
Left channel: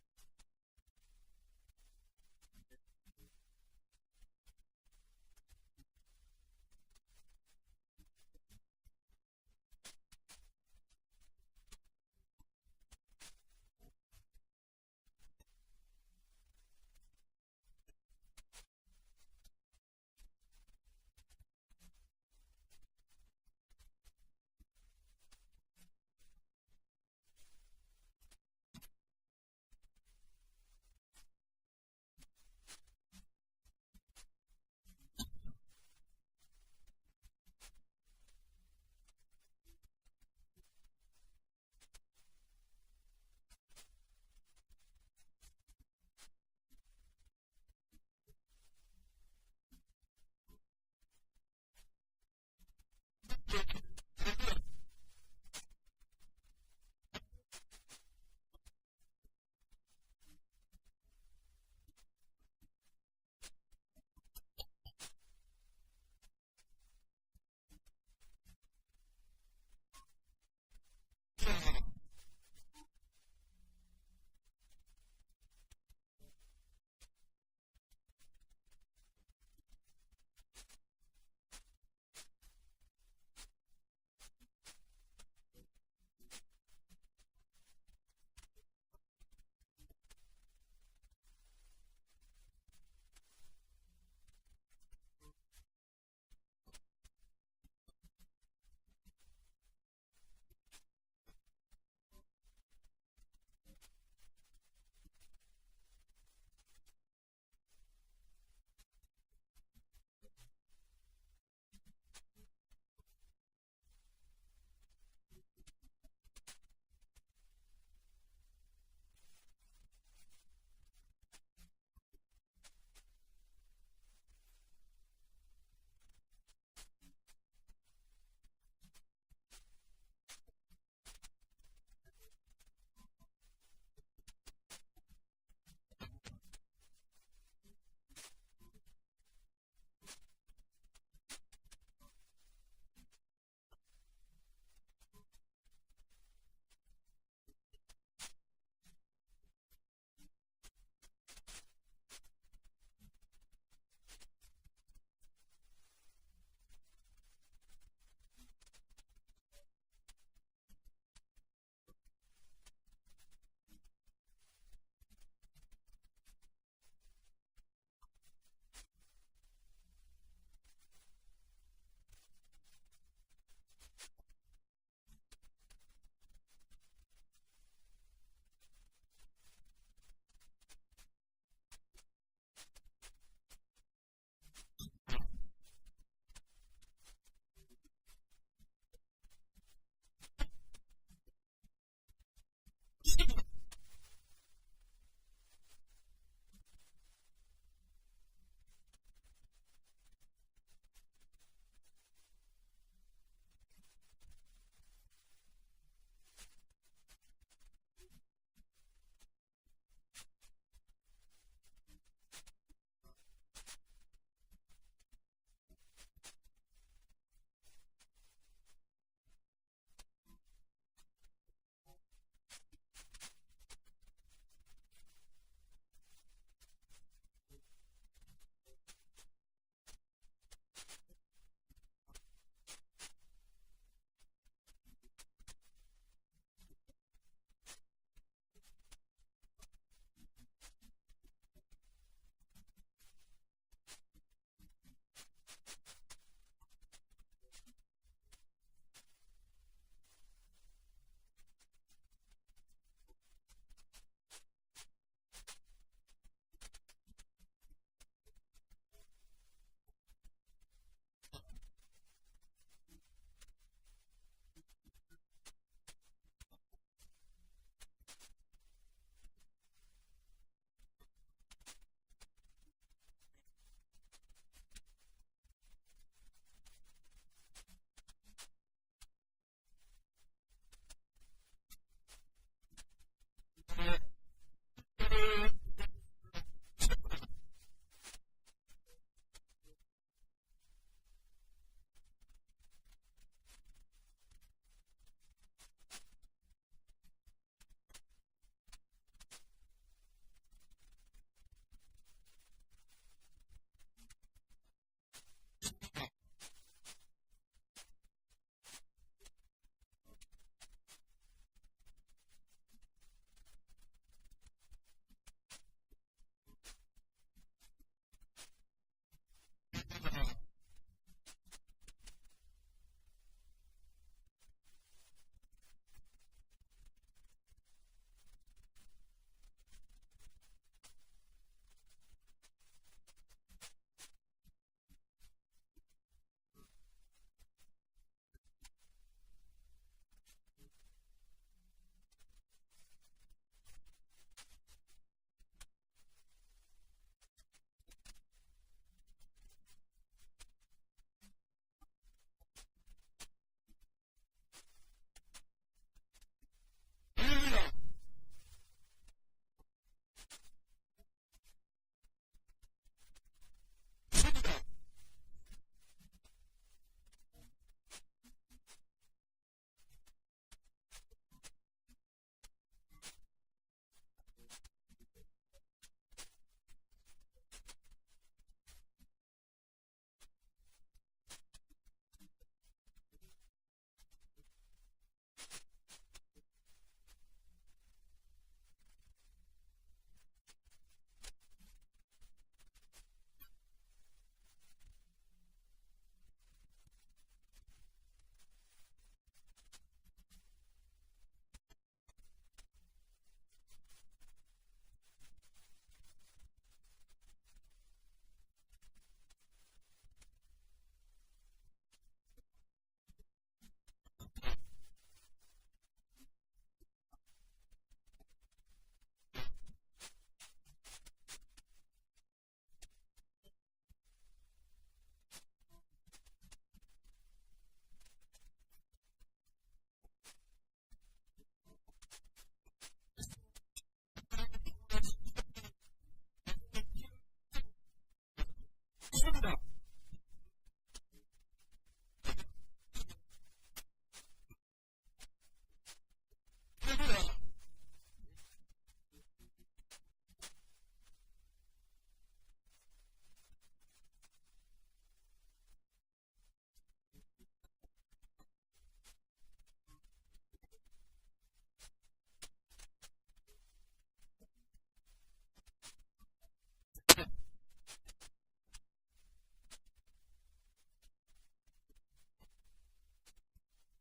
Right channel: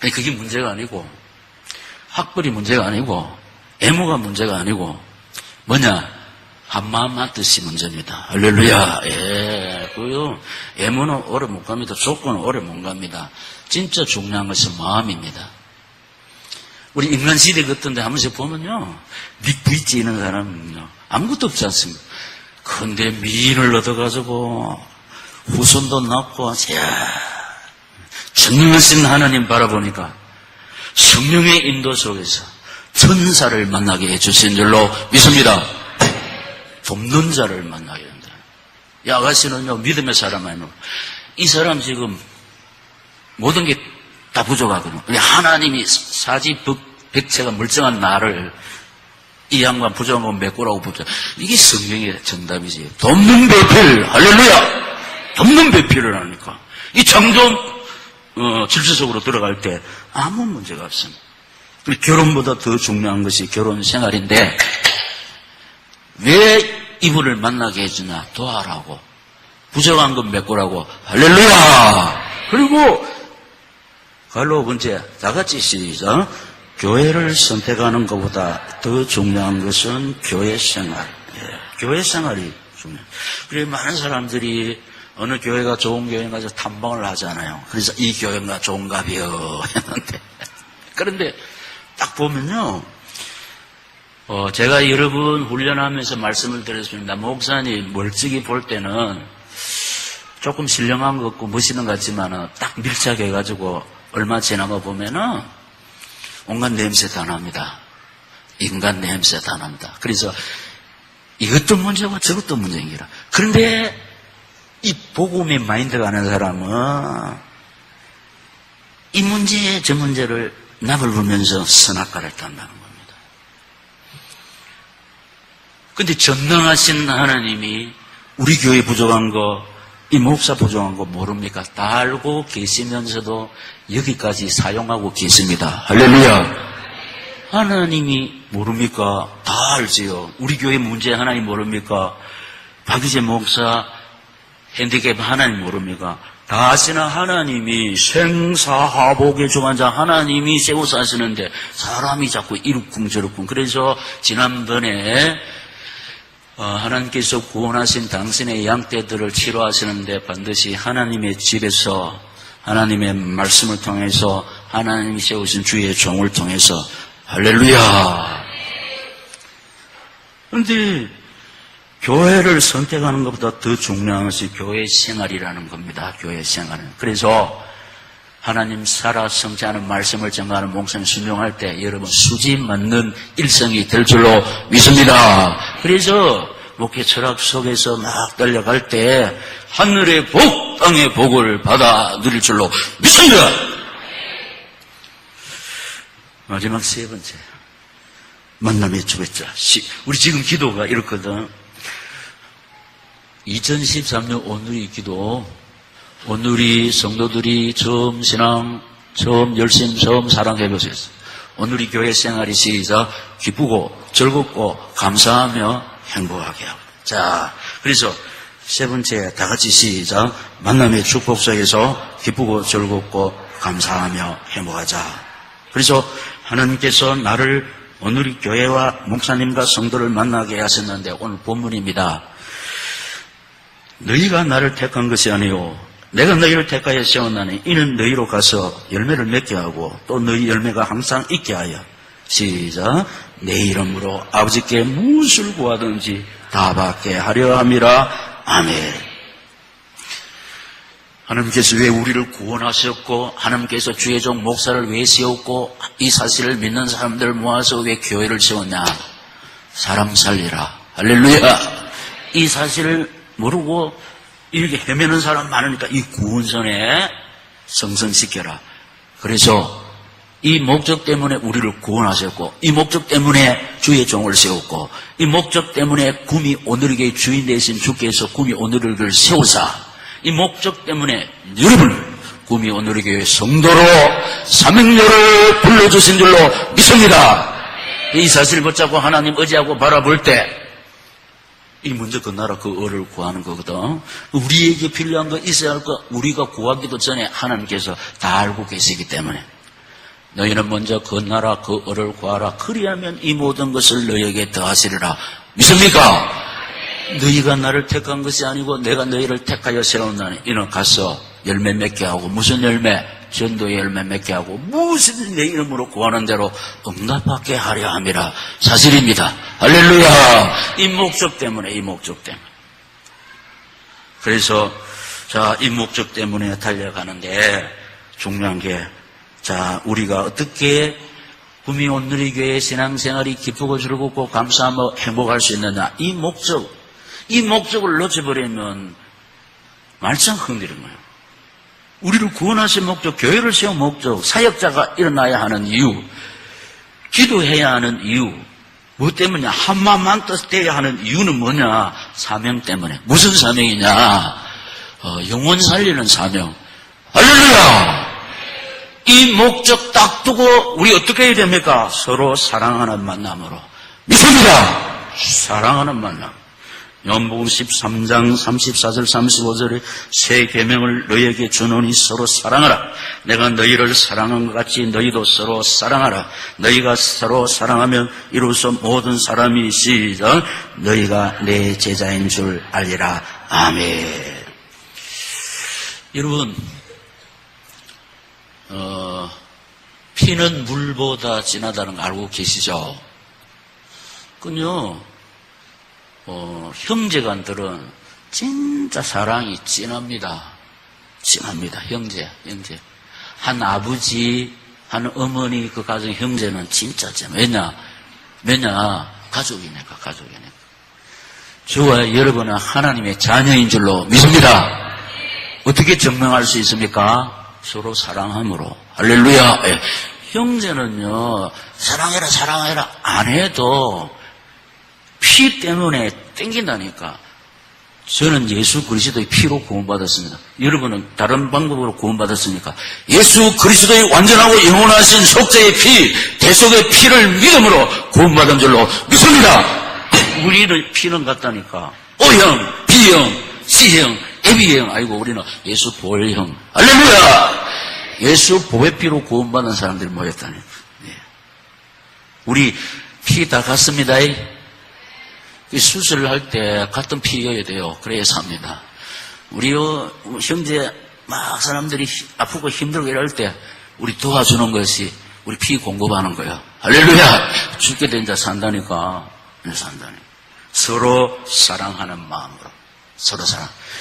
그게 문제가 아니고, 학벌이 문제가 아니고, 애모가 문제가 아니고, 뭐냐? 한마음 한뜻이 문제입니다. 할렐루야. 예. 그요. 애모는 오래 못 갑니다. 조건은 오래 못 갑니다. 진짜 중요한 것은 마음입니다. 우리 인간 시대 같은데 한 번씩 보면요. 닉부이지 있는 사람은요. 아무것도 없지 않습니까? 근데 미인을 얻어가지고 후손도 낳고, 전능하신 하나님 바라보니까 성령의 인도 속에서 천사를 만나게 해주신 줄로 믿습니다. 돕는 자를 만나게 된다. 이 아가씨는요, 믿음의 사람 아니고, 이 사람 지금 모든 게 다 부족하거든요. 하나님이 사지백체가 멀쩡한 나를 이 양반 부족한 건 메꾸라고 붙여. 이게 성경의 정답이지. 돕는 배필, 할렐루야! 돕는 배필을 하니까. 이 창조, 질서 속으로 들어갈 때 아무 문제가 없습니다. 결혼보다 더 중요한 것이 결혼 생활인데, 왜 이분을 만나게 해주나? 도와라고. 부족한 건 메꾸라고. 할렐루야! 그리고, 갈로 번째, 다 같이 시작. 교회를 선택하는 것보다 더 중요한 것은 교회 생활. 교회 생활이 중요해요. 그래, 많은 사람들이 어느 교회가 좋은 교회에 가서 탐방을 하잖아요. 그래서 이 교회가 좋은가비요 했는데. 그런데 딱 보면요. 제가 여러 번 훈련하면서 말씀을 드렸습니다. 목사님 멀찍이 볼 때는 조금 신령한 것 같고 멋있는 것 같지만 딱 밀착해가지고 얼마 지나가 보면은 온갖 냄새 다 납니다. 인간 냄새 다 납니다. 그래서 이것도 문제고 저것도 문제입니다. 그런데 이 복음의 마인드가 아는 사람은 이 문제 저 문제를 납을 불면서 선악과를 딴다는 겁니다. 그런데 전능하신 하나님이 우리 교회 부족한 거, 이 목사 부족한 거 모릅니까? 다 알고 계시면서도 여기까지 사용하고 계십니다. 할렐루야. 하나님이 모릅니까? 다 알지요. 우리 교회 문제 하나님 모릅니까? 박유재 목사 핸디캡 하나님 모릅니까? 다 아시는 하나님이 생사하복의 주관자 하나님이 세워서 하시는데 사람이 자꾸 이룩쿵 저룩쿵. 그래서 지난번에 하나님께서 구원하신 당신의 양떼들을 치료하시는데 반드시 하나님의 집에서 하나님의 말씀을 통해서 하나님이 세우신 주의 종을 통해서 할렐루야. 그런데 교회를 선택하는 것보다 더 중요한 것이 교회 생활이라는 겁니다. 교회 생활은. 그래서 하나님 살아 성취하는 말씀을 전가하는 목사님 순종할 때 여러분 수지 맞는 일생이 될 줄로 믿습니다. 그래서 목회 철학 속에서 막 달려갈 때 하늘의 복, 땅의 복을 받아 누릴 줄로 믿습니다. 마지막 세 번째, 만남의 주배자. 우리 지금 기도가 이렇거든. 2013년 오늘이 기도, 오늘이 성도들이 처음 신앙, 처음 열심, 처음 사랑해보세요. 오늘이 교회 생활이 시작, 기쁘고 즐겁고 감사하며 행복하게 하고. 자, 그래서 세 번째 다 같이 시작. 만남의 축복 속에서 기쁘고 즐겁고 감사하며 행복하자. 그래서 하나님께서 나를 오늘이 교회와 목사님과 성도를 만나게 하셨는데 오늘 본문입니다. 너희가 나를 택한 것이 아니요 내가 너희를 택하여 세웠나니 이는 너희로 가서 열매를 맺게 하고 또 너희 열매가 항상 있게 하여 시작. 내 이름으로 아버지께 무엇을 구하든지 다 받게 하려 함이라. 아멘. 하나님께서 왜 우리를 구원하셨고 하나님께서 주의 종 목사를 왜 세웠고 이 사실을 믿는 사람들을 모아서 왜 교회를 세웠냐? 사람 살리라. 할렐루야. 이 사실을 모르고 이렇게 헤매는 사람 많으니까 이 구원선에 성성시켜라. 그래서 이 목적 때문에 우리를 구원하셨고 이 목적 때문에 주의 종을 세웠고 이 목적 때문에 구미 오늘에게 주인 되신 주께서 구미 오늘을 세우사 이 목적 때문에 여러분 구미 오늘의 교회 성도로 사명료를 불러주신 줄로 믿습니다. 이 사실을 붙잡고 하나님 의지하고 바라볼 때 이 먼저 그 나라 그 을을 구하는 거거든. 우리에게 필요한 거 있어야 할 거 우리가 구하기도 전에 하나님께서 다 알고 계시기 때문에 너희는 먼저 그 나라 그 을을 구하라. 그리하면 이 모든 것을 너희에게 더하시리라. 믿습니까? 너희가 나를 택한 것이 아니고 내가 너희를 택하여 세웠나니 이는 가서 열매 맺게 하고 무슨 열매? 전도의 열매 맺게 하고 무엇이든 내 이름으로 구하는 대로 응답받게 하려 함이라. 사실입니다. 할렐루야. 이 목적 때문에 그래서 자, 이 목적 때문에 달려가는데 중요한 게 자, 우리가 어떻게 구미 온누리 교회 신앙생활이 기쁘고 즐겁고 감사하며 행복할 수 있느냐? 이 목적을 놓쳐버리면 말짱 흔들리는 거예요. 우리를 구원하신 목적, 교회를 세운 목적, 사역자가 일어나야 하는 이유, 기도해야 하는 이유, 뭐 때문이냐? 한마음만 뜻돼야 하는 이유는 뭐냐? 사명 때문에. 무슨 사명이냐? 영혼 살리는 사명. 할렐루야! 이 목적 딱 두고 우리 어떻게 해야 됩니까? 서로 사랑하는 만남으로. 믿습니다. 사랑하는 만남. 요한복음 13장 34절 35절에 새 계명을 너희에게 주노니 서로 사랑하라. 내가 너희를 사랑한 것 같이 너희도 서로 사랑하라. 너희가 서로 사랑하면 이로써 모든 사람이 시작 너희가 내 제자인 줄 알리라. 아멘. 여러분 피는 물보다 진하다는 거 알고 계시죠? 그요 형제간들은 진짜 사랑이 진합니다. 진합니다. 형제. 한 아버지, 하는 어머니 그 가정 형제는 진짜 잼. 왜냐? 가족이니까. 저와 여러분은 하나님의 자녀인 줄로 믿습니다. 어떻게 증명할 수 있습니까? 서로 사랑함으로. 할렐루야. 예. 형제는요, 사랑해라 안 해도 피 때문에 땡긴다니까. 저는 예수 그리스도의 피로 구원받았습니다. 여러분은 다른 방법으로 구원받았습니까? 예수 그리스도의 완전하고 영원하신 속죄의 피, 대속의 피를 믿음으로 구원받은 줄로 믿습니다. 우리는 피는 같다니까. O형, B형, C형, AB형. 아이고, 우리는 예수 보혈형. 할렐루야! 예수 보혈피로 구원받은 사람들이 모였다니까. 네. 우리 피 다 같습니다. 수술을 할 때 같은 피여야 돼요. 그래야 삽니다. 우리 형제 막 사람들이 아프고 힘들고 이럴 때 우리 도와주는 것이 우리 피 공급하는 거예요. 할렐루야! 죽게 된 자 산다니까. 서로 사랑하는 마음으로. 서로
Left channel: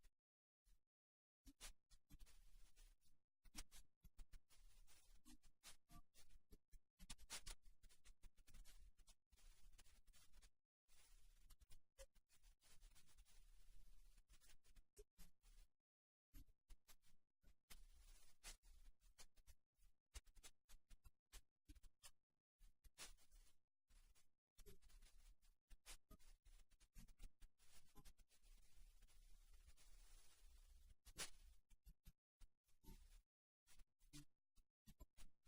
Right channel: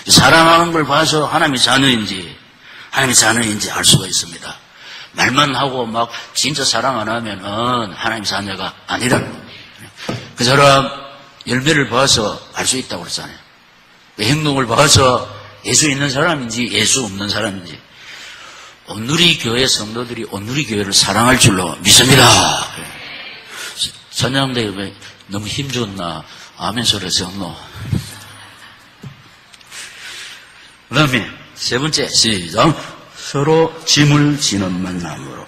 사랑하는 걸 봐서 하나님의 자녀인지 알 수가 있습니다. 말만 하고 막 진짜 사랑 안 하면은 하나님의 자녀가 아니라는 겁니다. 그 사람 열매를 봐서 알 수 있다고 그랬잖아요. 그 행동을 봐서 예수 있는 사람인지 예수 없는 사람인지. 온누리 교회 성도들이 온누리 교회를 사랑할 줄로 믿습니다. 찬양대 왜 너무 힘줬나? 아멘 소리 정노. 그 다음에 세 번째, 시작. 서로 짐을 지는 만남으로.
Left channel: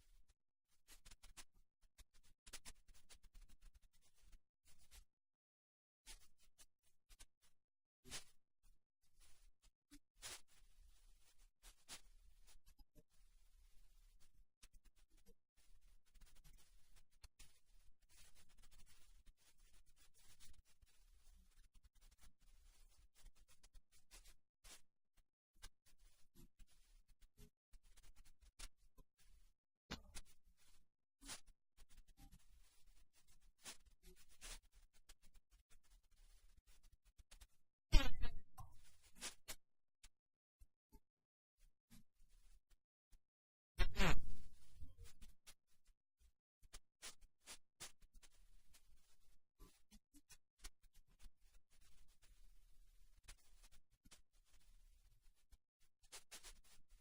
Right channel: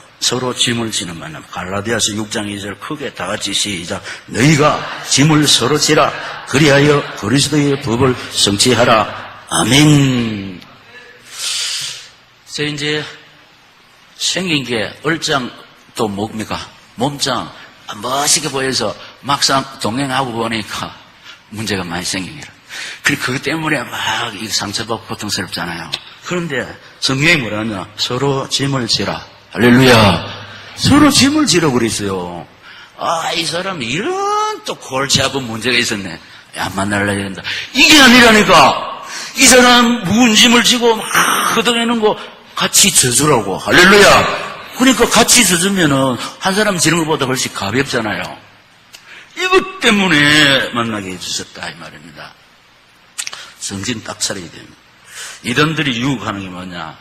갈라디아서 6장 2절 크게 다 같이 시작. 너희가 짐을 서로 지라. 그리하여 그리스도의 법을 성취하라. 아멘. 이제 생긴 게 얼짱 또 뭡니까? 몸짱. 멋있게 보여서 막상 동행하고 보니까 문제가 많이 생깁니다. 그것 때문에 막 상처받고 고통스럽잖아요. 그런데 성경이 뭐라냐? 서로 짐을 지라. 할렐루야. 서로 짐을 지라 그랬어요. 이 사람 이런 또 골치 아픈 문제가 있었네. 안 만날라 이런다. 이게 아니라니까. 이 사람 무거운 짐을 지고 막 걷어내는 거 같이 져주라고. 할렐루야. 그러니까 같이 져주면은 한 사람 지는 것보다 훨씬 가볍잖아요. 이것 때문에 만나게 해주셨다 이 말입니다. 정신 딱 차려야 됩니다. 이들이 유혹하는 게 뭐냐?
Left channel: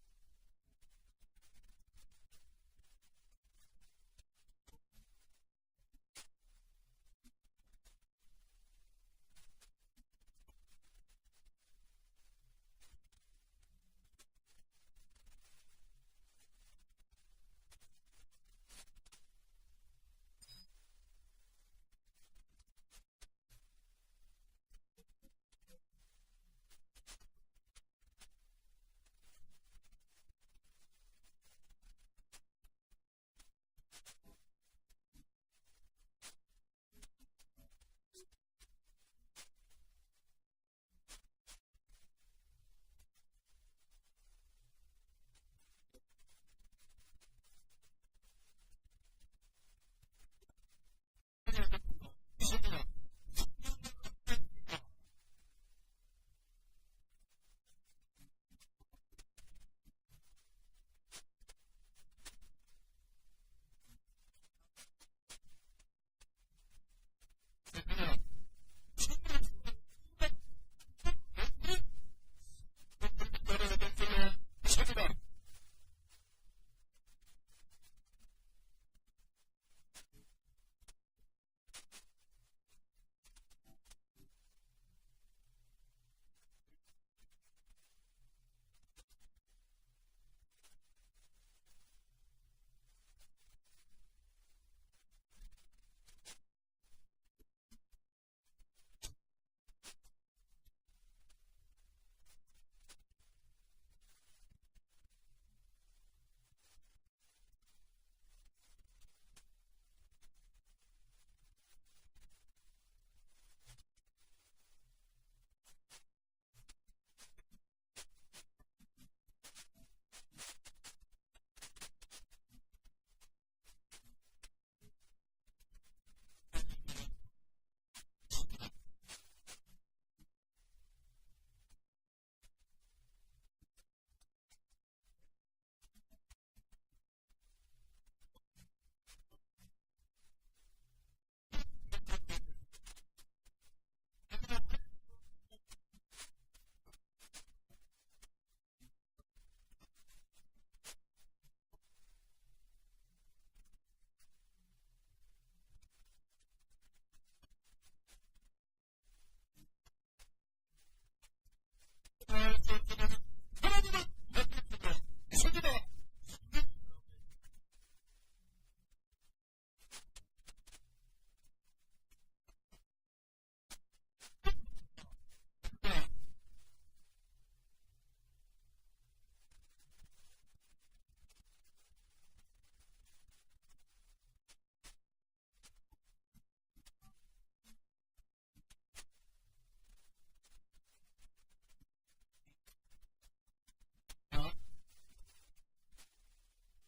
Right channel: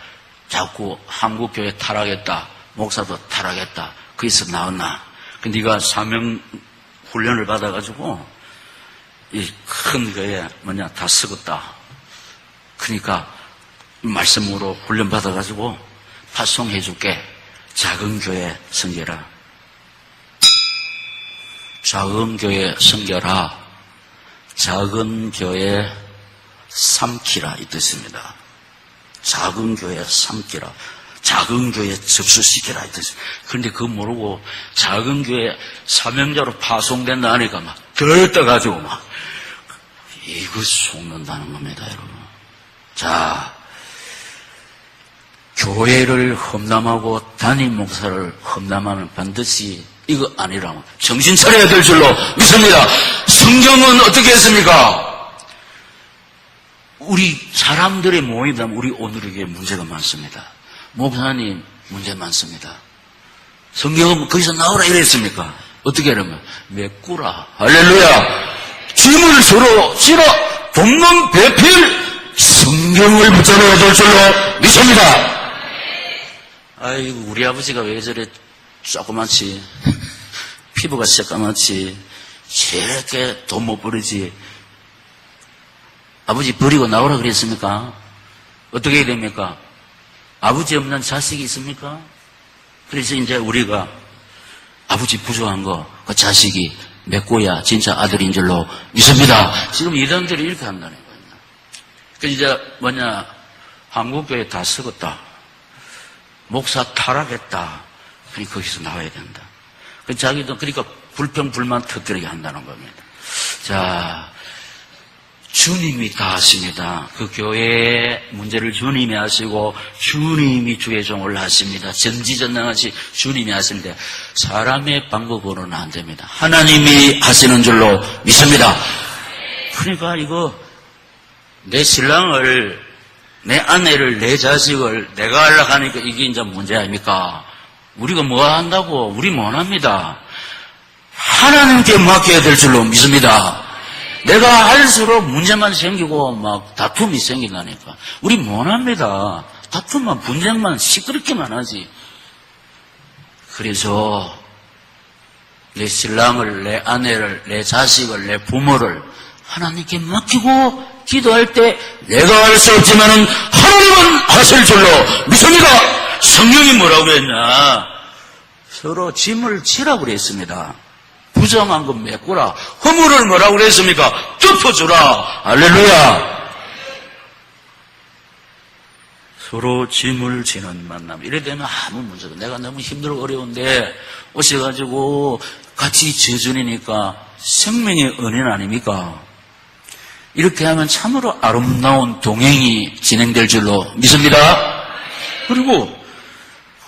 자꾸 한국교회 타락했다. 목사도 타락했다. 거기서 나왔나? 네가 사명 훈련을 받아가지고 이 큰 교회 다 썩었다. 그러니까 말씀으로 훈련 받아가지고 파송해줄게. 작은 교회 섬겨라. 작은 교회 섬겨라. 작은 교회 삼키라 이 뜻입니다. 작은 교회 삼키라. 작은 교회 접수시키라 이 뜻입니다. 그런데 그거 모르고 작은 교회 사명자로 파송된다 하니까 막 들떠가지고 막 이거 속는다는 겁니다, 여러분. 자, 교회를 험담하고 담임 목사를 험담하면 반드시 이거 아니라고 정신 차려야 될 줄로 믿습니다. 성경은 어떻게 했습니까? 우리 사람들의 모임이면 우리 오늘에게 문제가 많습니다. 목사님 문제 많습니다. 성경은 거기서 나오라 이랬습니까? 어떻게 하려면 메꾸라. 할렐루야. 짐을 서로 지라. 돕는 배필 성경을 붙잡아야 될 줄로 믿습니다. 아이고 우리 아버지가 왜 저래 조그맣지, 피부가 새까맣지, 저렇게 돈 못 버리지. 아버지 버리고 나오라 그랬습니까? 어떻게 해야 됩니까? 아버지 없는 자식이 있습니까? 그래서 이제 우리가 아버지 부족한 거, 그 자식이 메꿔야 진짜 아들인 줄로 믿습니다. 지금 이단들이 이렇게 한다는 거예요. 그 이제 한국교회 다 썩었다. 목사 타락했다. 그러니까 거기서 나와야 된다. 자기도 그러니까 불평, 불만 터뜨리게 한다는 겁니다. 자, 주님이 다 하십니다. 그 교회의 문제를 주님이 하시고 주님이 주의 종을 하십니다. 전지전능하시 주님이 하십니다. 사람의 방법으로는 안 됩니다. 하나님이 하시는 줄로 믿습니다. 그러니까 이거 내 신랑을, 내 아내를, 내 자식을 내가 하려고 하니까 이게 이제 문제 아닙니까? 우리가 뭐 한다고? 우리 못 합니다. 하나님께 맡겨야 될 줄로 믿습니다. 내가 할수록 문제만 생기고 막 다툼이 생긴다니까. 우리 못 합니다. 다툼만, 분쟁만 시끄럽게만 하지. 그래서 내 신랑을, 내 아내를, 내 자식을, 내 부모를 하나님께 맡기고 기도할 때 내가 할 수 없지만은 하나님은 하실 줄로 믿습니다. 성령이 뭐라고 그랬냐? 서로 짐을 지라고 그랬습니다. 부정한 건 메꾸라. 허물을 뭐라고 그랬습니까? 덮어주라. 할렐루야. 서로 짐을 지는 만남. 이래 되면 아무 문제가. 내가 너무 힘들고 어려운데 오셔가지고 같이 져주니까 생명의 은인 아닙니까? 이렇게 하면 참으로 아름다운 동행이 진행될 줄로 믿습니다. 그리고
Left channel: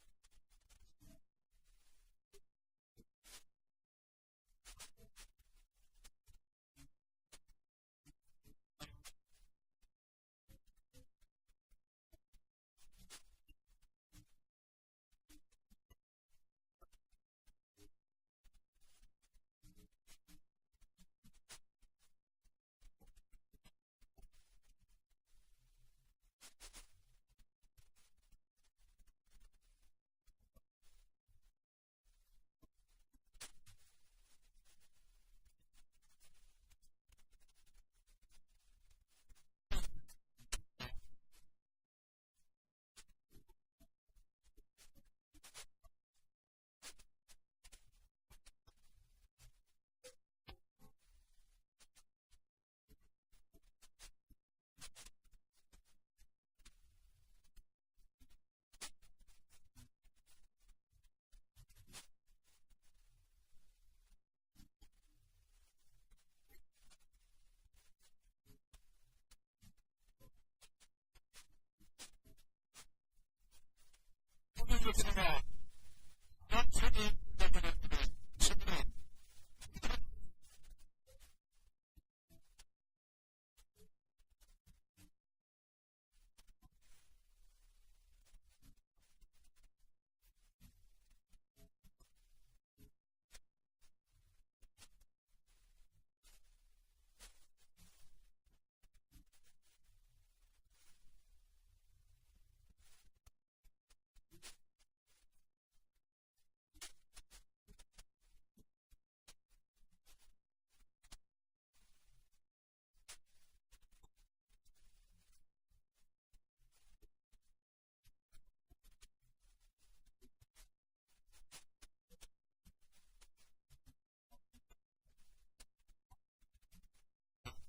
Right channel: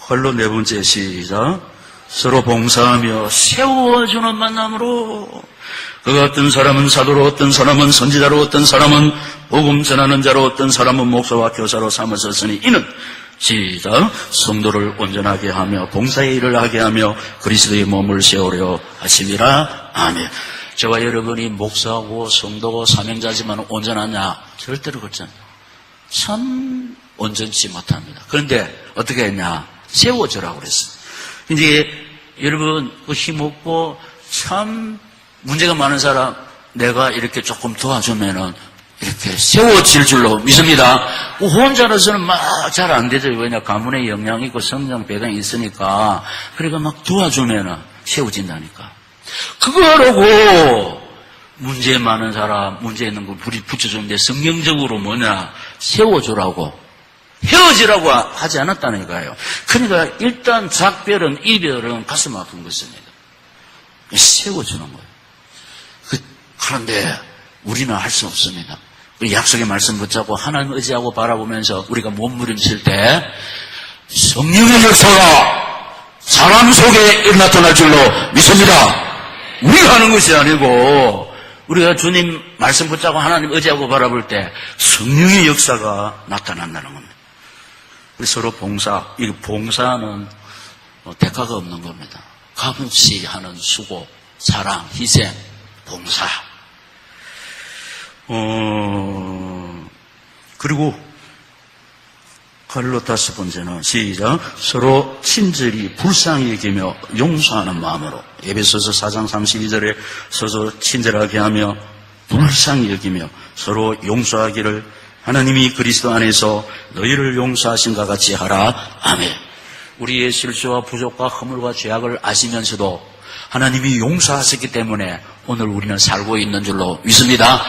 홀로 네 번째 시작. 서로 봉사하며 세워주는 만남으로 그 어떤 사람은 사도로, 어떤 사람은 선지자로, 어떤 사람은 복음 전하는 자로, 어떤 사람은 목사와 교사로 삼으셨으니 이는 시작. 성도를 온전하게 하며 봉사의 일을 하게 하며 그리스도의 몸을 세우려 하심이라. 아멘. 저와 여러분이 목사고 성도고 사명자지만 온전하냐? 절대로 그렇지 않아요. 참 온전치 못합니다. 그런데 어떻게 했냐? 세워주라고 그랬어요. 이제 여러분 힘없고 참 문제가 많은 사람 내가 이렇게 조금 도와주면은 이렇게 세워질 줄로 믿습니다. 혼자로서는 막 잘 안 되죠. 왜냐 가문의 영향이 있고 성장 배경이 있으니까. 그러니까 막 도와주면은 세워진다니까. 그거라고 문제 많은 사람 문제 있는 거 붙여주는데 성경적으로 뭐냐 세워주라고 헤어지라고 하지 않았다니까요. 그러니까 일단 작별은 이별은 가슴 아픈 것입니다. 세워주는 거예요. 그런데 우리는 할 수 없습니다. 약속의 말씀 붙잡고 하나님 의지하고 바라보면서 우리가 몸부림칠 때 성령의 역사가 사람 속에 나타날 줄로 믿습니다. 우리가 하는 것이 아니고 우리가 주님 말씀 붙잡고 하나님 의지하고 바라볼 때 성령의 역사가 나타난다는 겁니다. 서로 봉사, 이 봉사는 대가가 없는 겁니다. 값없이 하는 수고, 사랑, 희생, 봉사. 그리고 칼로 다섯 번째는 시작. 서로 친절히 불쌍히 여기며 용서하는 마음으로. 에베소서 4장 32절에 서로 친절하게 하며 불쌍히 여기며 서로 용서하기를 하나님이 그리스도 안에서 너희를 용서하신과 같이 하라. 아멘. 우리의 실수와 부족과 허물과 죄악을 아시면서도 하나님이 용서하셨기 때문에 오늘 우리는 살고 있는 줄로 믿습니다.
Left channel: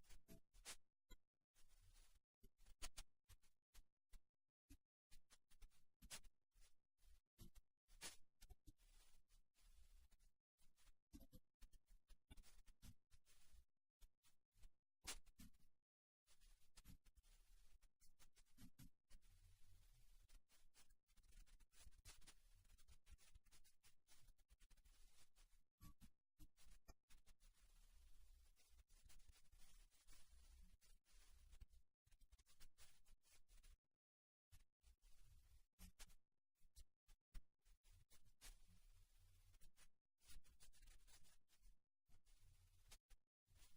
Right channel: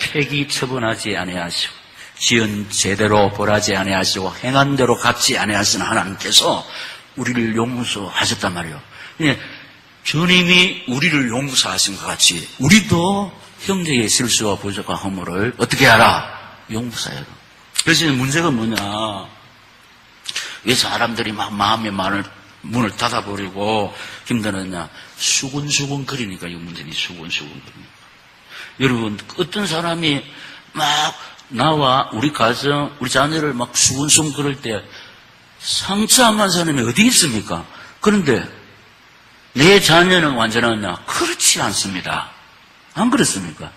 폐기 처분하지 아니하시고 지은 제대로 벌하지 아니하시고 행한 대로 갚지 아니하시는 하나님께서 우리를 용서하셨단 말이에요. 주님이 우리를 용서하신 것 같이 우리도 형제의 실수와 부족과 허물을 어떻게 하라? 용서해라. 그래서 문제가 뭐냐? 왜 사람들이 막 마음의 문을 닫아버리고 힘들었냐? 수근수근 거리니까 이 문제는 수근수근 거리니까. 여러분 어떤 사람이 막 나와 우리 가정, 우리 자녀를 막 수근수근 그럴 때 상처 안 난 사람이 어디 있습니까? 그런데 내 자녀는 완전하냐? 그렇지 않습니다. 안 그렇습니까?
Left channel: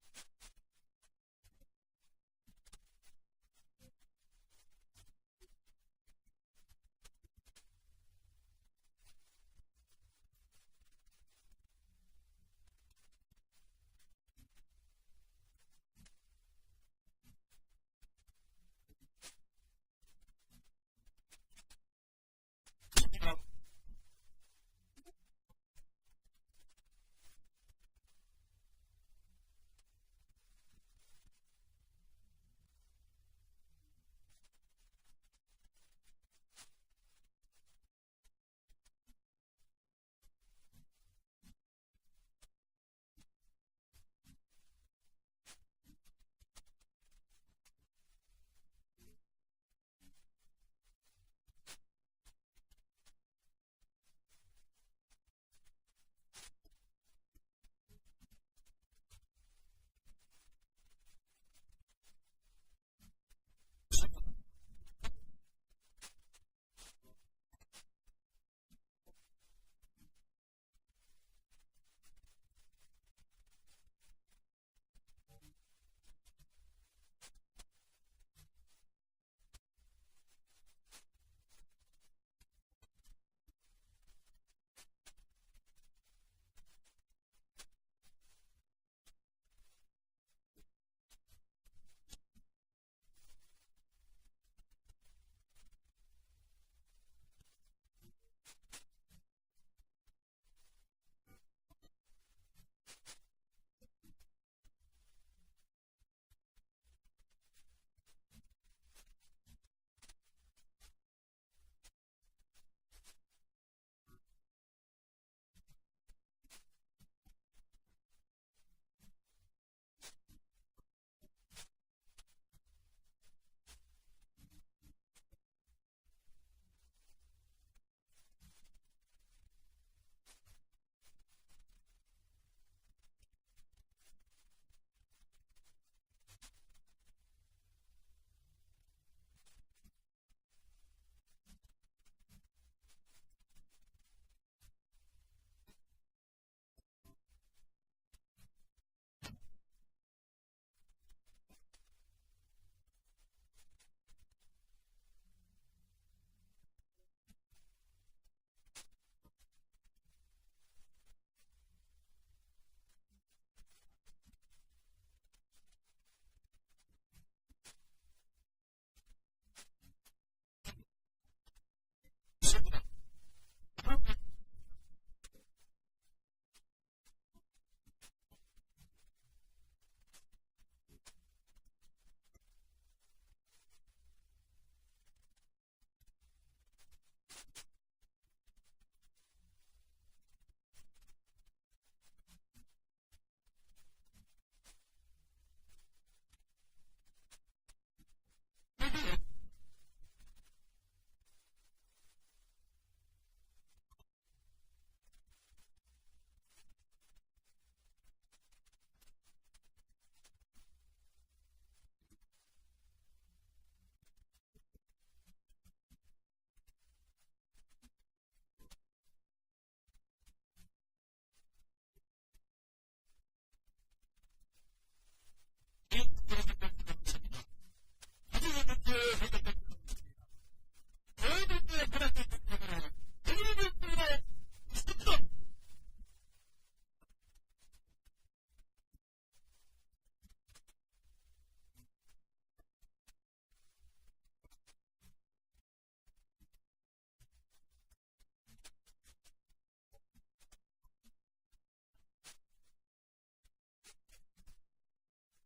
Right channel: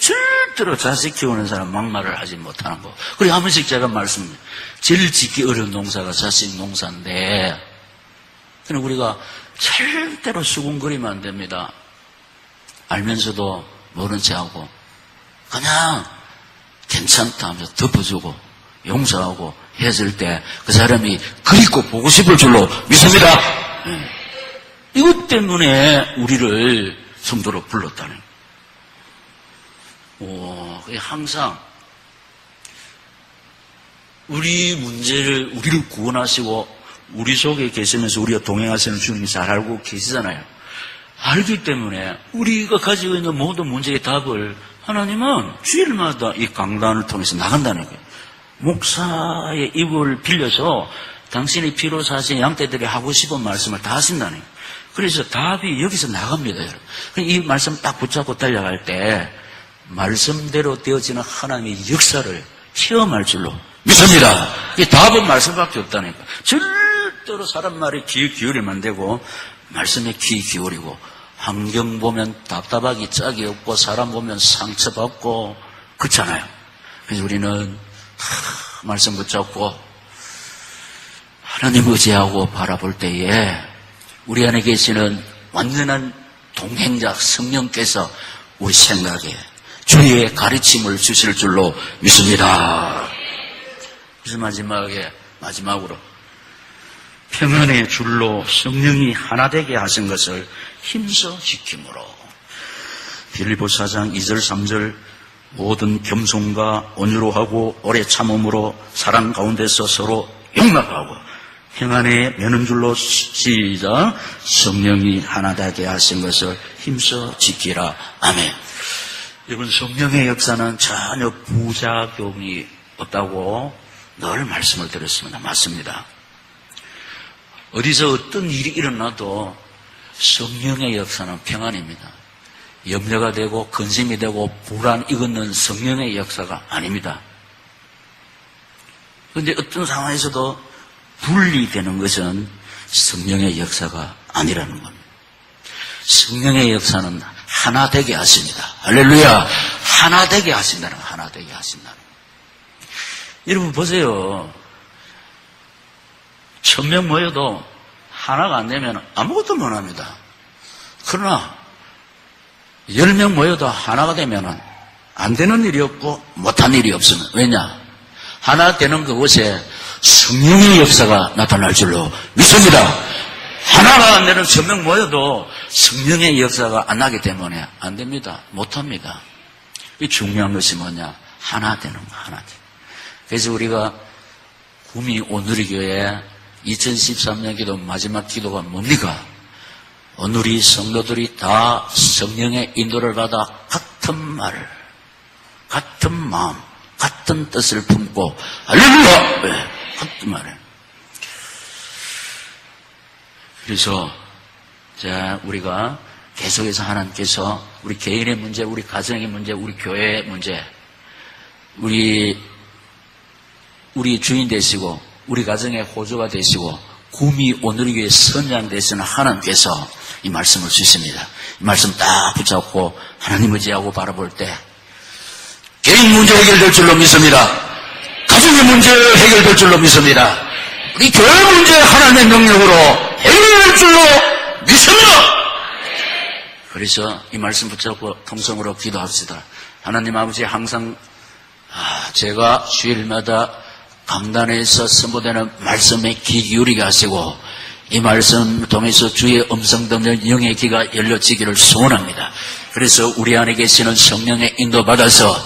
절대로 자식 키우는 사람 막말을 하지 못하는 거. 그리고 한 번씩 제가 말씀드립니다. 제일 짓기 어려운 농사가 자식 농사인데 그럼 우리가 절대로 수군거리면 안 됩니다. 알면서도 모른 체하고 그냥 괜찮다 하면서 덮어주고 용서하고 헤어질 때 그 사람이 그립고 보고 싶을 줄로 믿습니다. 이것 때문에 우리를 성도로 불렀다는 거예요. 항상 우리 문제를 우리를 구원하시고 우리 속에 계시면서 우리가 동행하시는 주님이 잘 알고 계시잖아요. 알기 때문에 우리가 가지고 있는 모든 문제의 답을 하나님은 주일마다 이 강단을 통해서 나간다는 거예요. 목사의 입을 빌려서 당신의 피로 사신 양떼들이 하고 싶은 말씀을 다 하신다는 거예요. 그래서 답이 여기서 나갑니다, 여러분. 이 말씀 딱 붙잡고 달려갈 때 말씀대로 되어지는 하나님의 역사를 체험할 줄로 믿습니다. 이 답은 말씀밖에 없다니까. 절대로 사람 말에 귀 기울이면 안 되고 말씀에 귀 기울이고 환경 보면 답답하기 짝이 없고 사람 보면 상처받고 그렇잖아요. 그래서 우리는 말씀 붙잡고 하나님 의지하고 바라볼 때에 우리 안에 계시는 완전한 동행자 성령께서 우리 생각에 주의 가르침을 주실 줄로 믿습니다. 그래서 마지막으로 평안의 줄로 성령이 하나 되게 하신 것을 힘써 지킴으로 빌립보 4장 2절 3절 모든 겸손과 온유로 하고 오래 참음으로 사랑 가운데서 서로 용납하고 평안에 매는 줄로 시작 성령이 하나 되게 하신 것을 힘써 지키라. 아멘. 여러분 성령의 역사는 전혀 부작용이 없다고 늘 말씀을 드렸습니다. 맞습니다. 어디서 어떤 일이 일어나도 성령의 역사는 평안입니다. 염려가 되고 근심이 되고 불안 이것은 성령의 역사가 아닙니다. 그런데 어떤 상황에서도 분리되는 것은 성령의 역사가 아니라는 겁니다. 성령의 역사는 하나 되게 하십니다. 할렐루야. 하나 되게 하신다는 거예요. 하나 되게 하신다는 거예요. 여러분 보세요. 1000명 모여도 하나가 안 되면 아무것도 못합니다. 그러나 10명 모여도 하나가 되면 안 되는 일이 없고 못한 일이 없으면 왜냐? 하나 되는 그곳에 성령의 역사가 나타날 줄로 믿습니다. 하나가 안 되는 1000명 모여도 성령의 역사가 안 나기 때문에 안 됩니다. 못합니다. 이 중요한 것이 뭐냐? 하나 되는 거, 하나 되는 거. 그래서 우리가 구미 오누리교회 2013년 기도 마지막 기도가 뭡니까? 오누리 성도들이 다 성령의 인도를 받아 같은 말을, 같은 마음, 같은 뜻을 품고 할렐루야! 네, 같은 말을. 그래서 우리가 계속해서 하나님께서 우리 개인의 문제, 우리 가정의 문제, 우리 교회의 문제, 우리 주인 되시고 우리 가정의 호주가 되시고 구미 오누리교회 선장 되시는 하나님께서 이 말씀을 주십니다. 이 말씀 딱 붙잡고 하나님 의지하고 바라볼 때 개인 문제 해결될 줄로 믿습니다. 가정의 문제 해결될 줄로 믿습니다. 우리 교회 문제 하나님의 능력으로 해결될 줄로 믿습니다. 그래서 이 말씀 붙잡고 통성으로 기도합시다. 하나님 아버지 항상 제가 주일마다 강단에서 선포되는 말씀에 귀 기울이게 하시고 이 말씀을 통해서 주의 음성 듣는 영의 귀가 열려지기를 소원합니다. 그래서 우리 안에 계시는 성령의 인도 받아서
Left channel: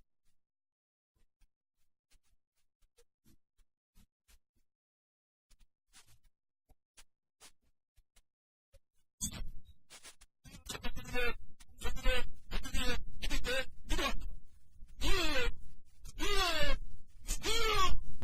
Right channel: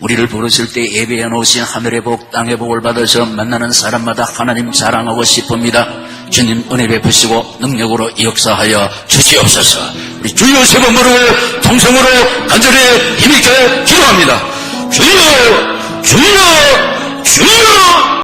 우리를 부르실 때 예배해 놓으신 하늘의 복 땅의 복을 받아서 만나는 사람마다 하나님 자랑하고 싶습니다. 주님 은혜 베푸시고 능력으로 역사하여 주시옵소서. 우리 주여 세 번 부르고 통성으로 간절히 힘있게 기도합니다. 주여 주여 주여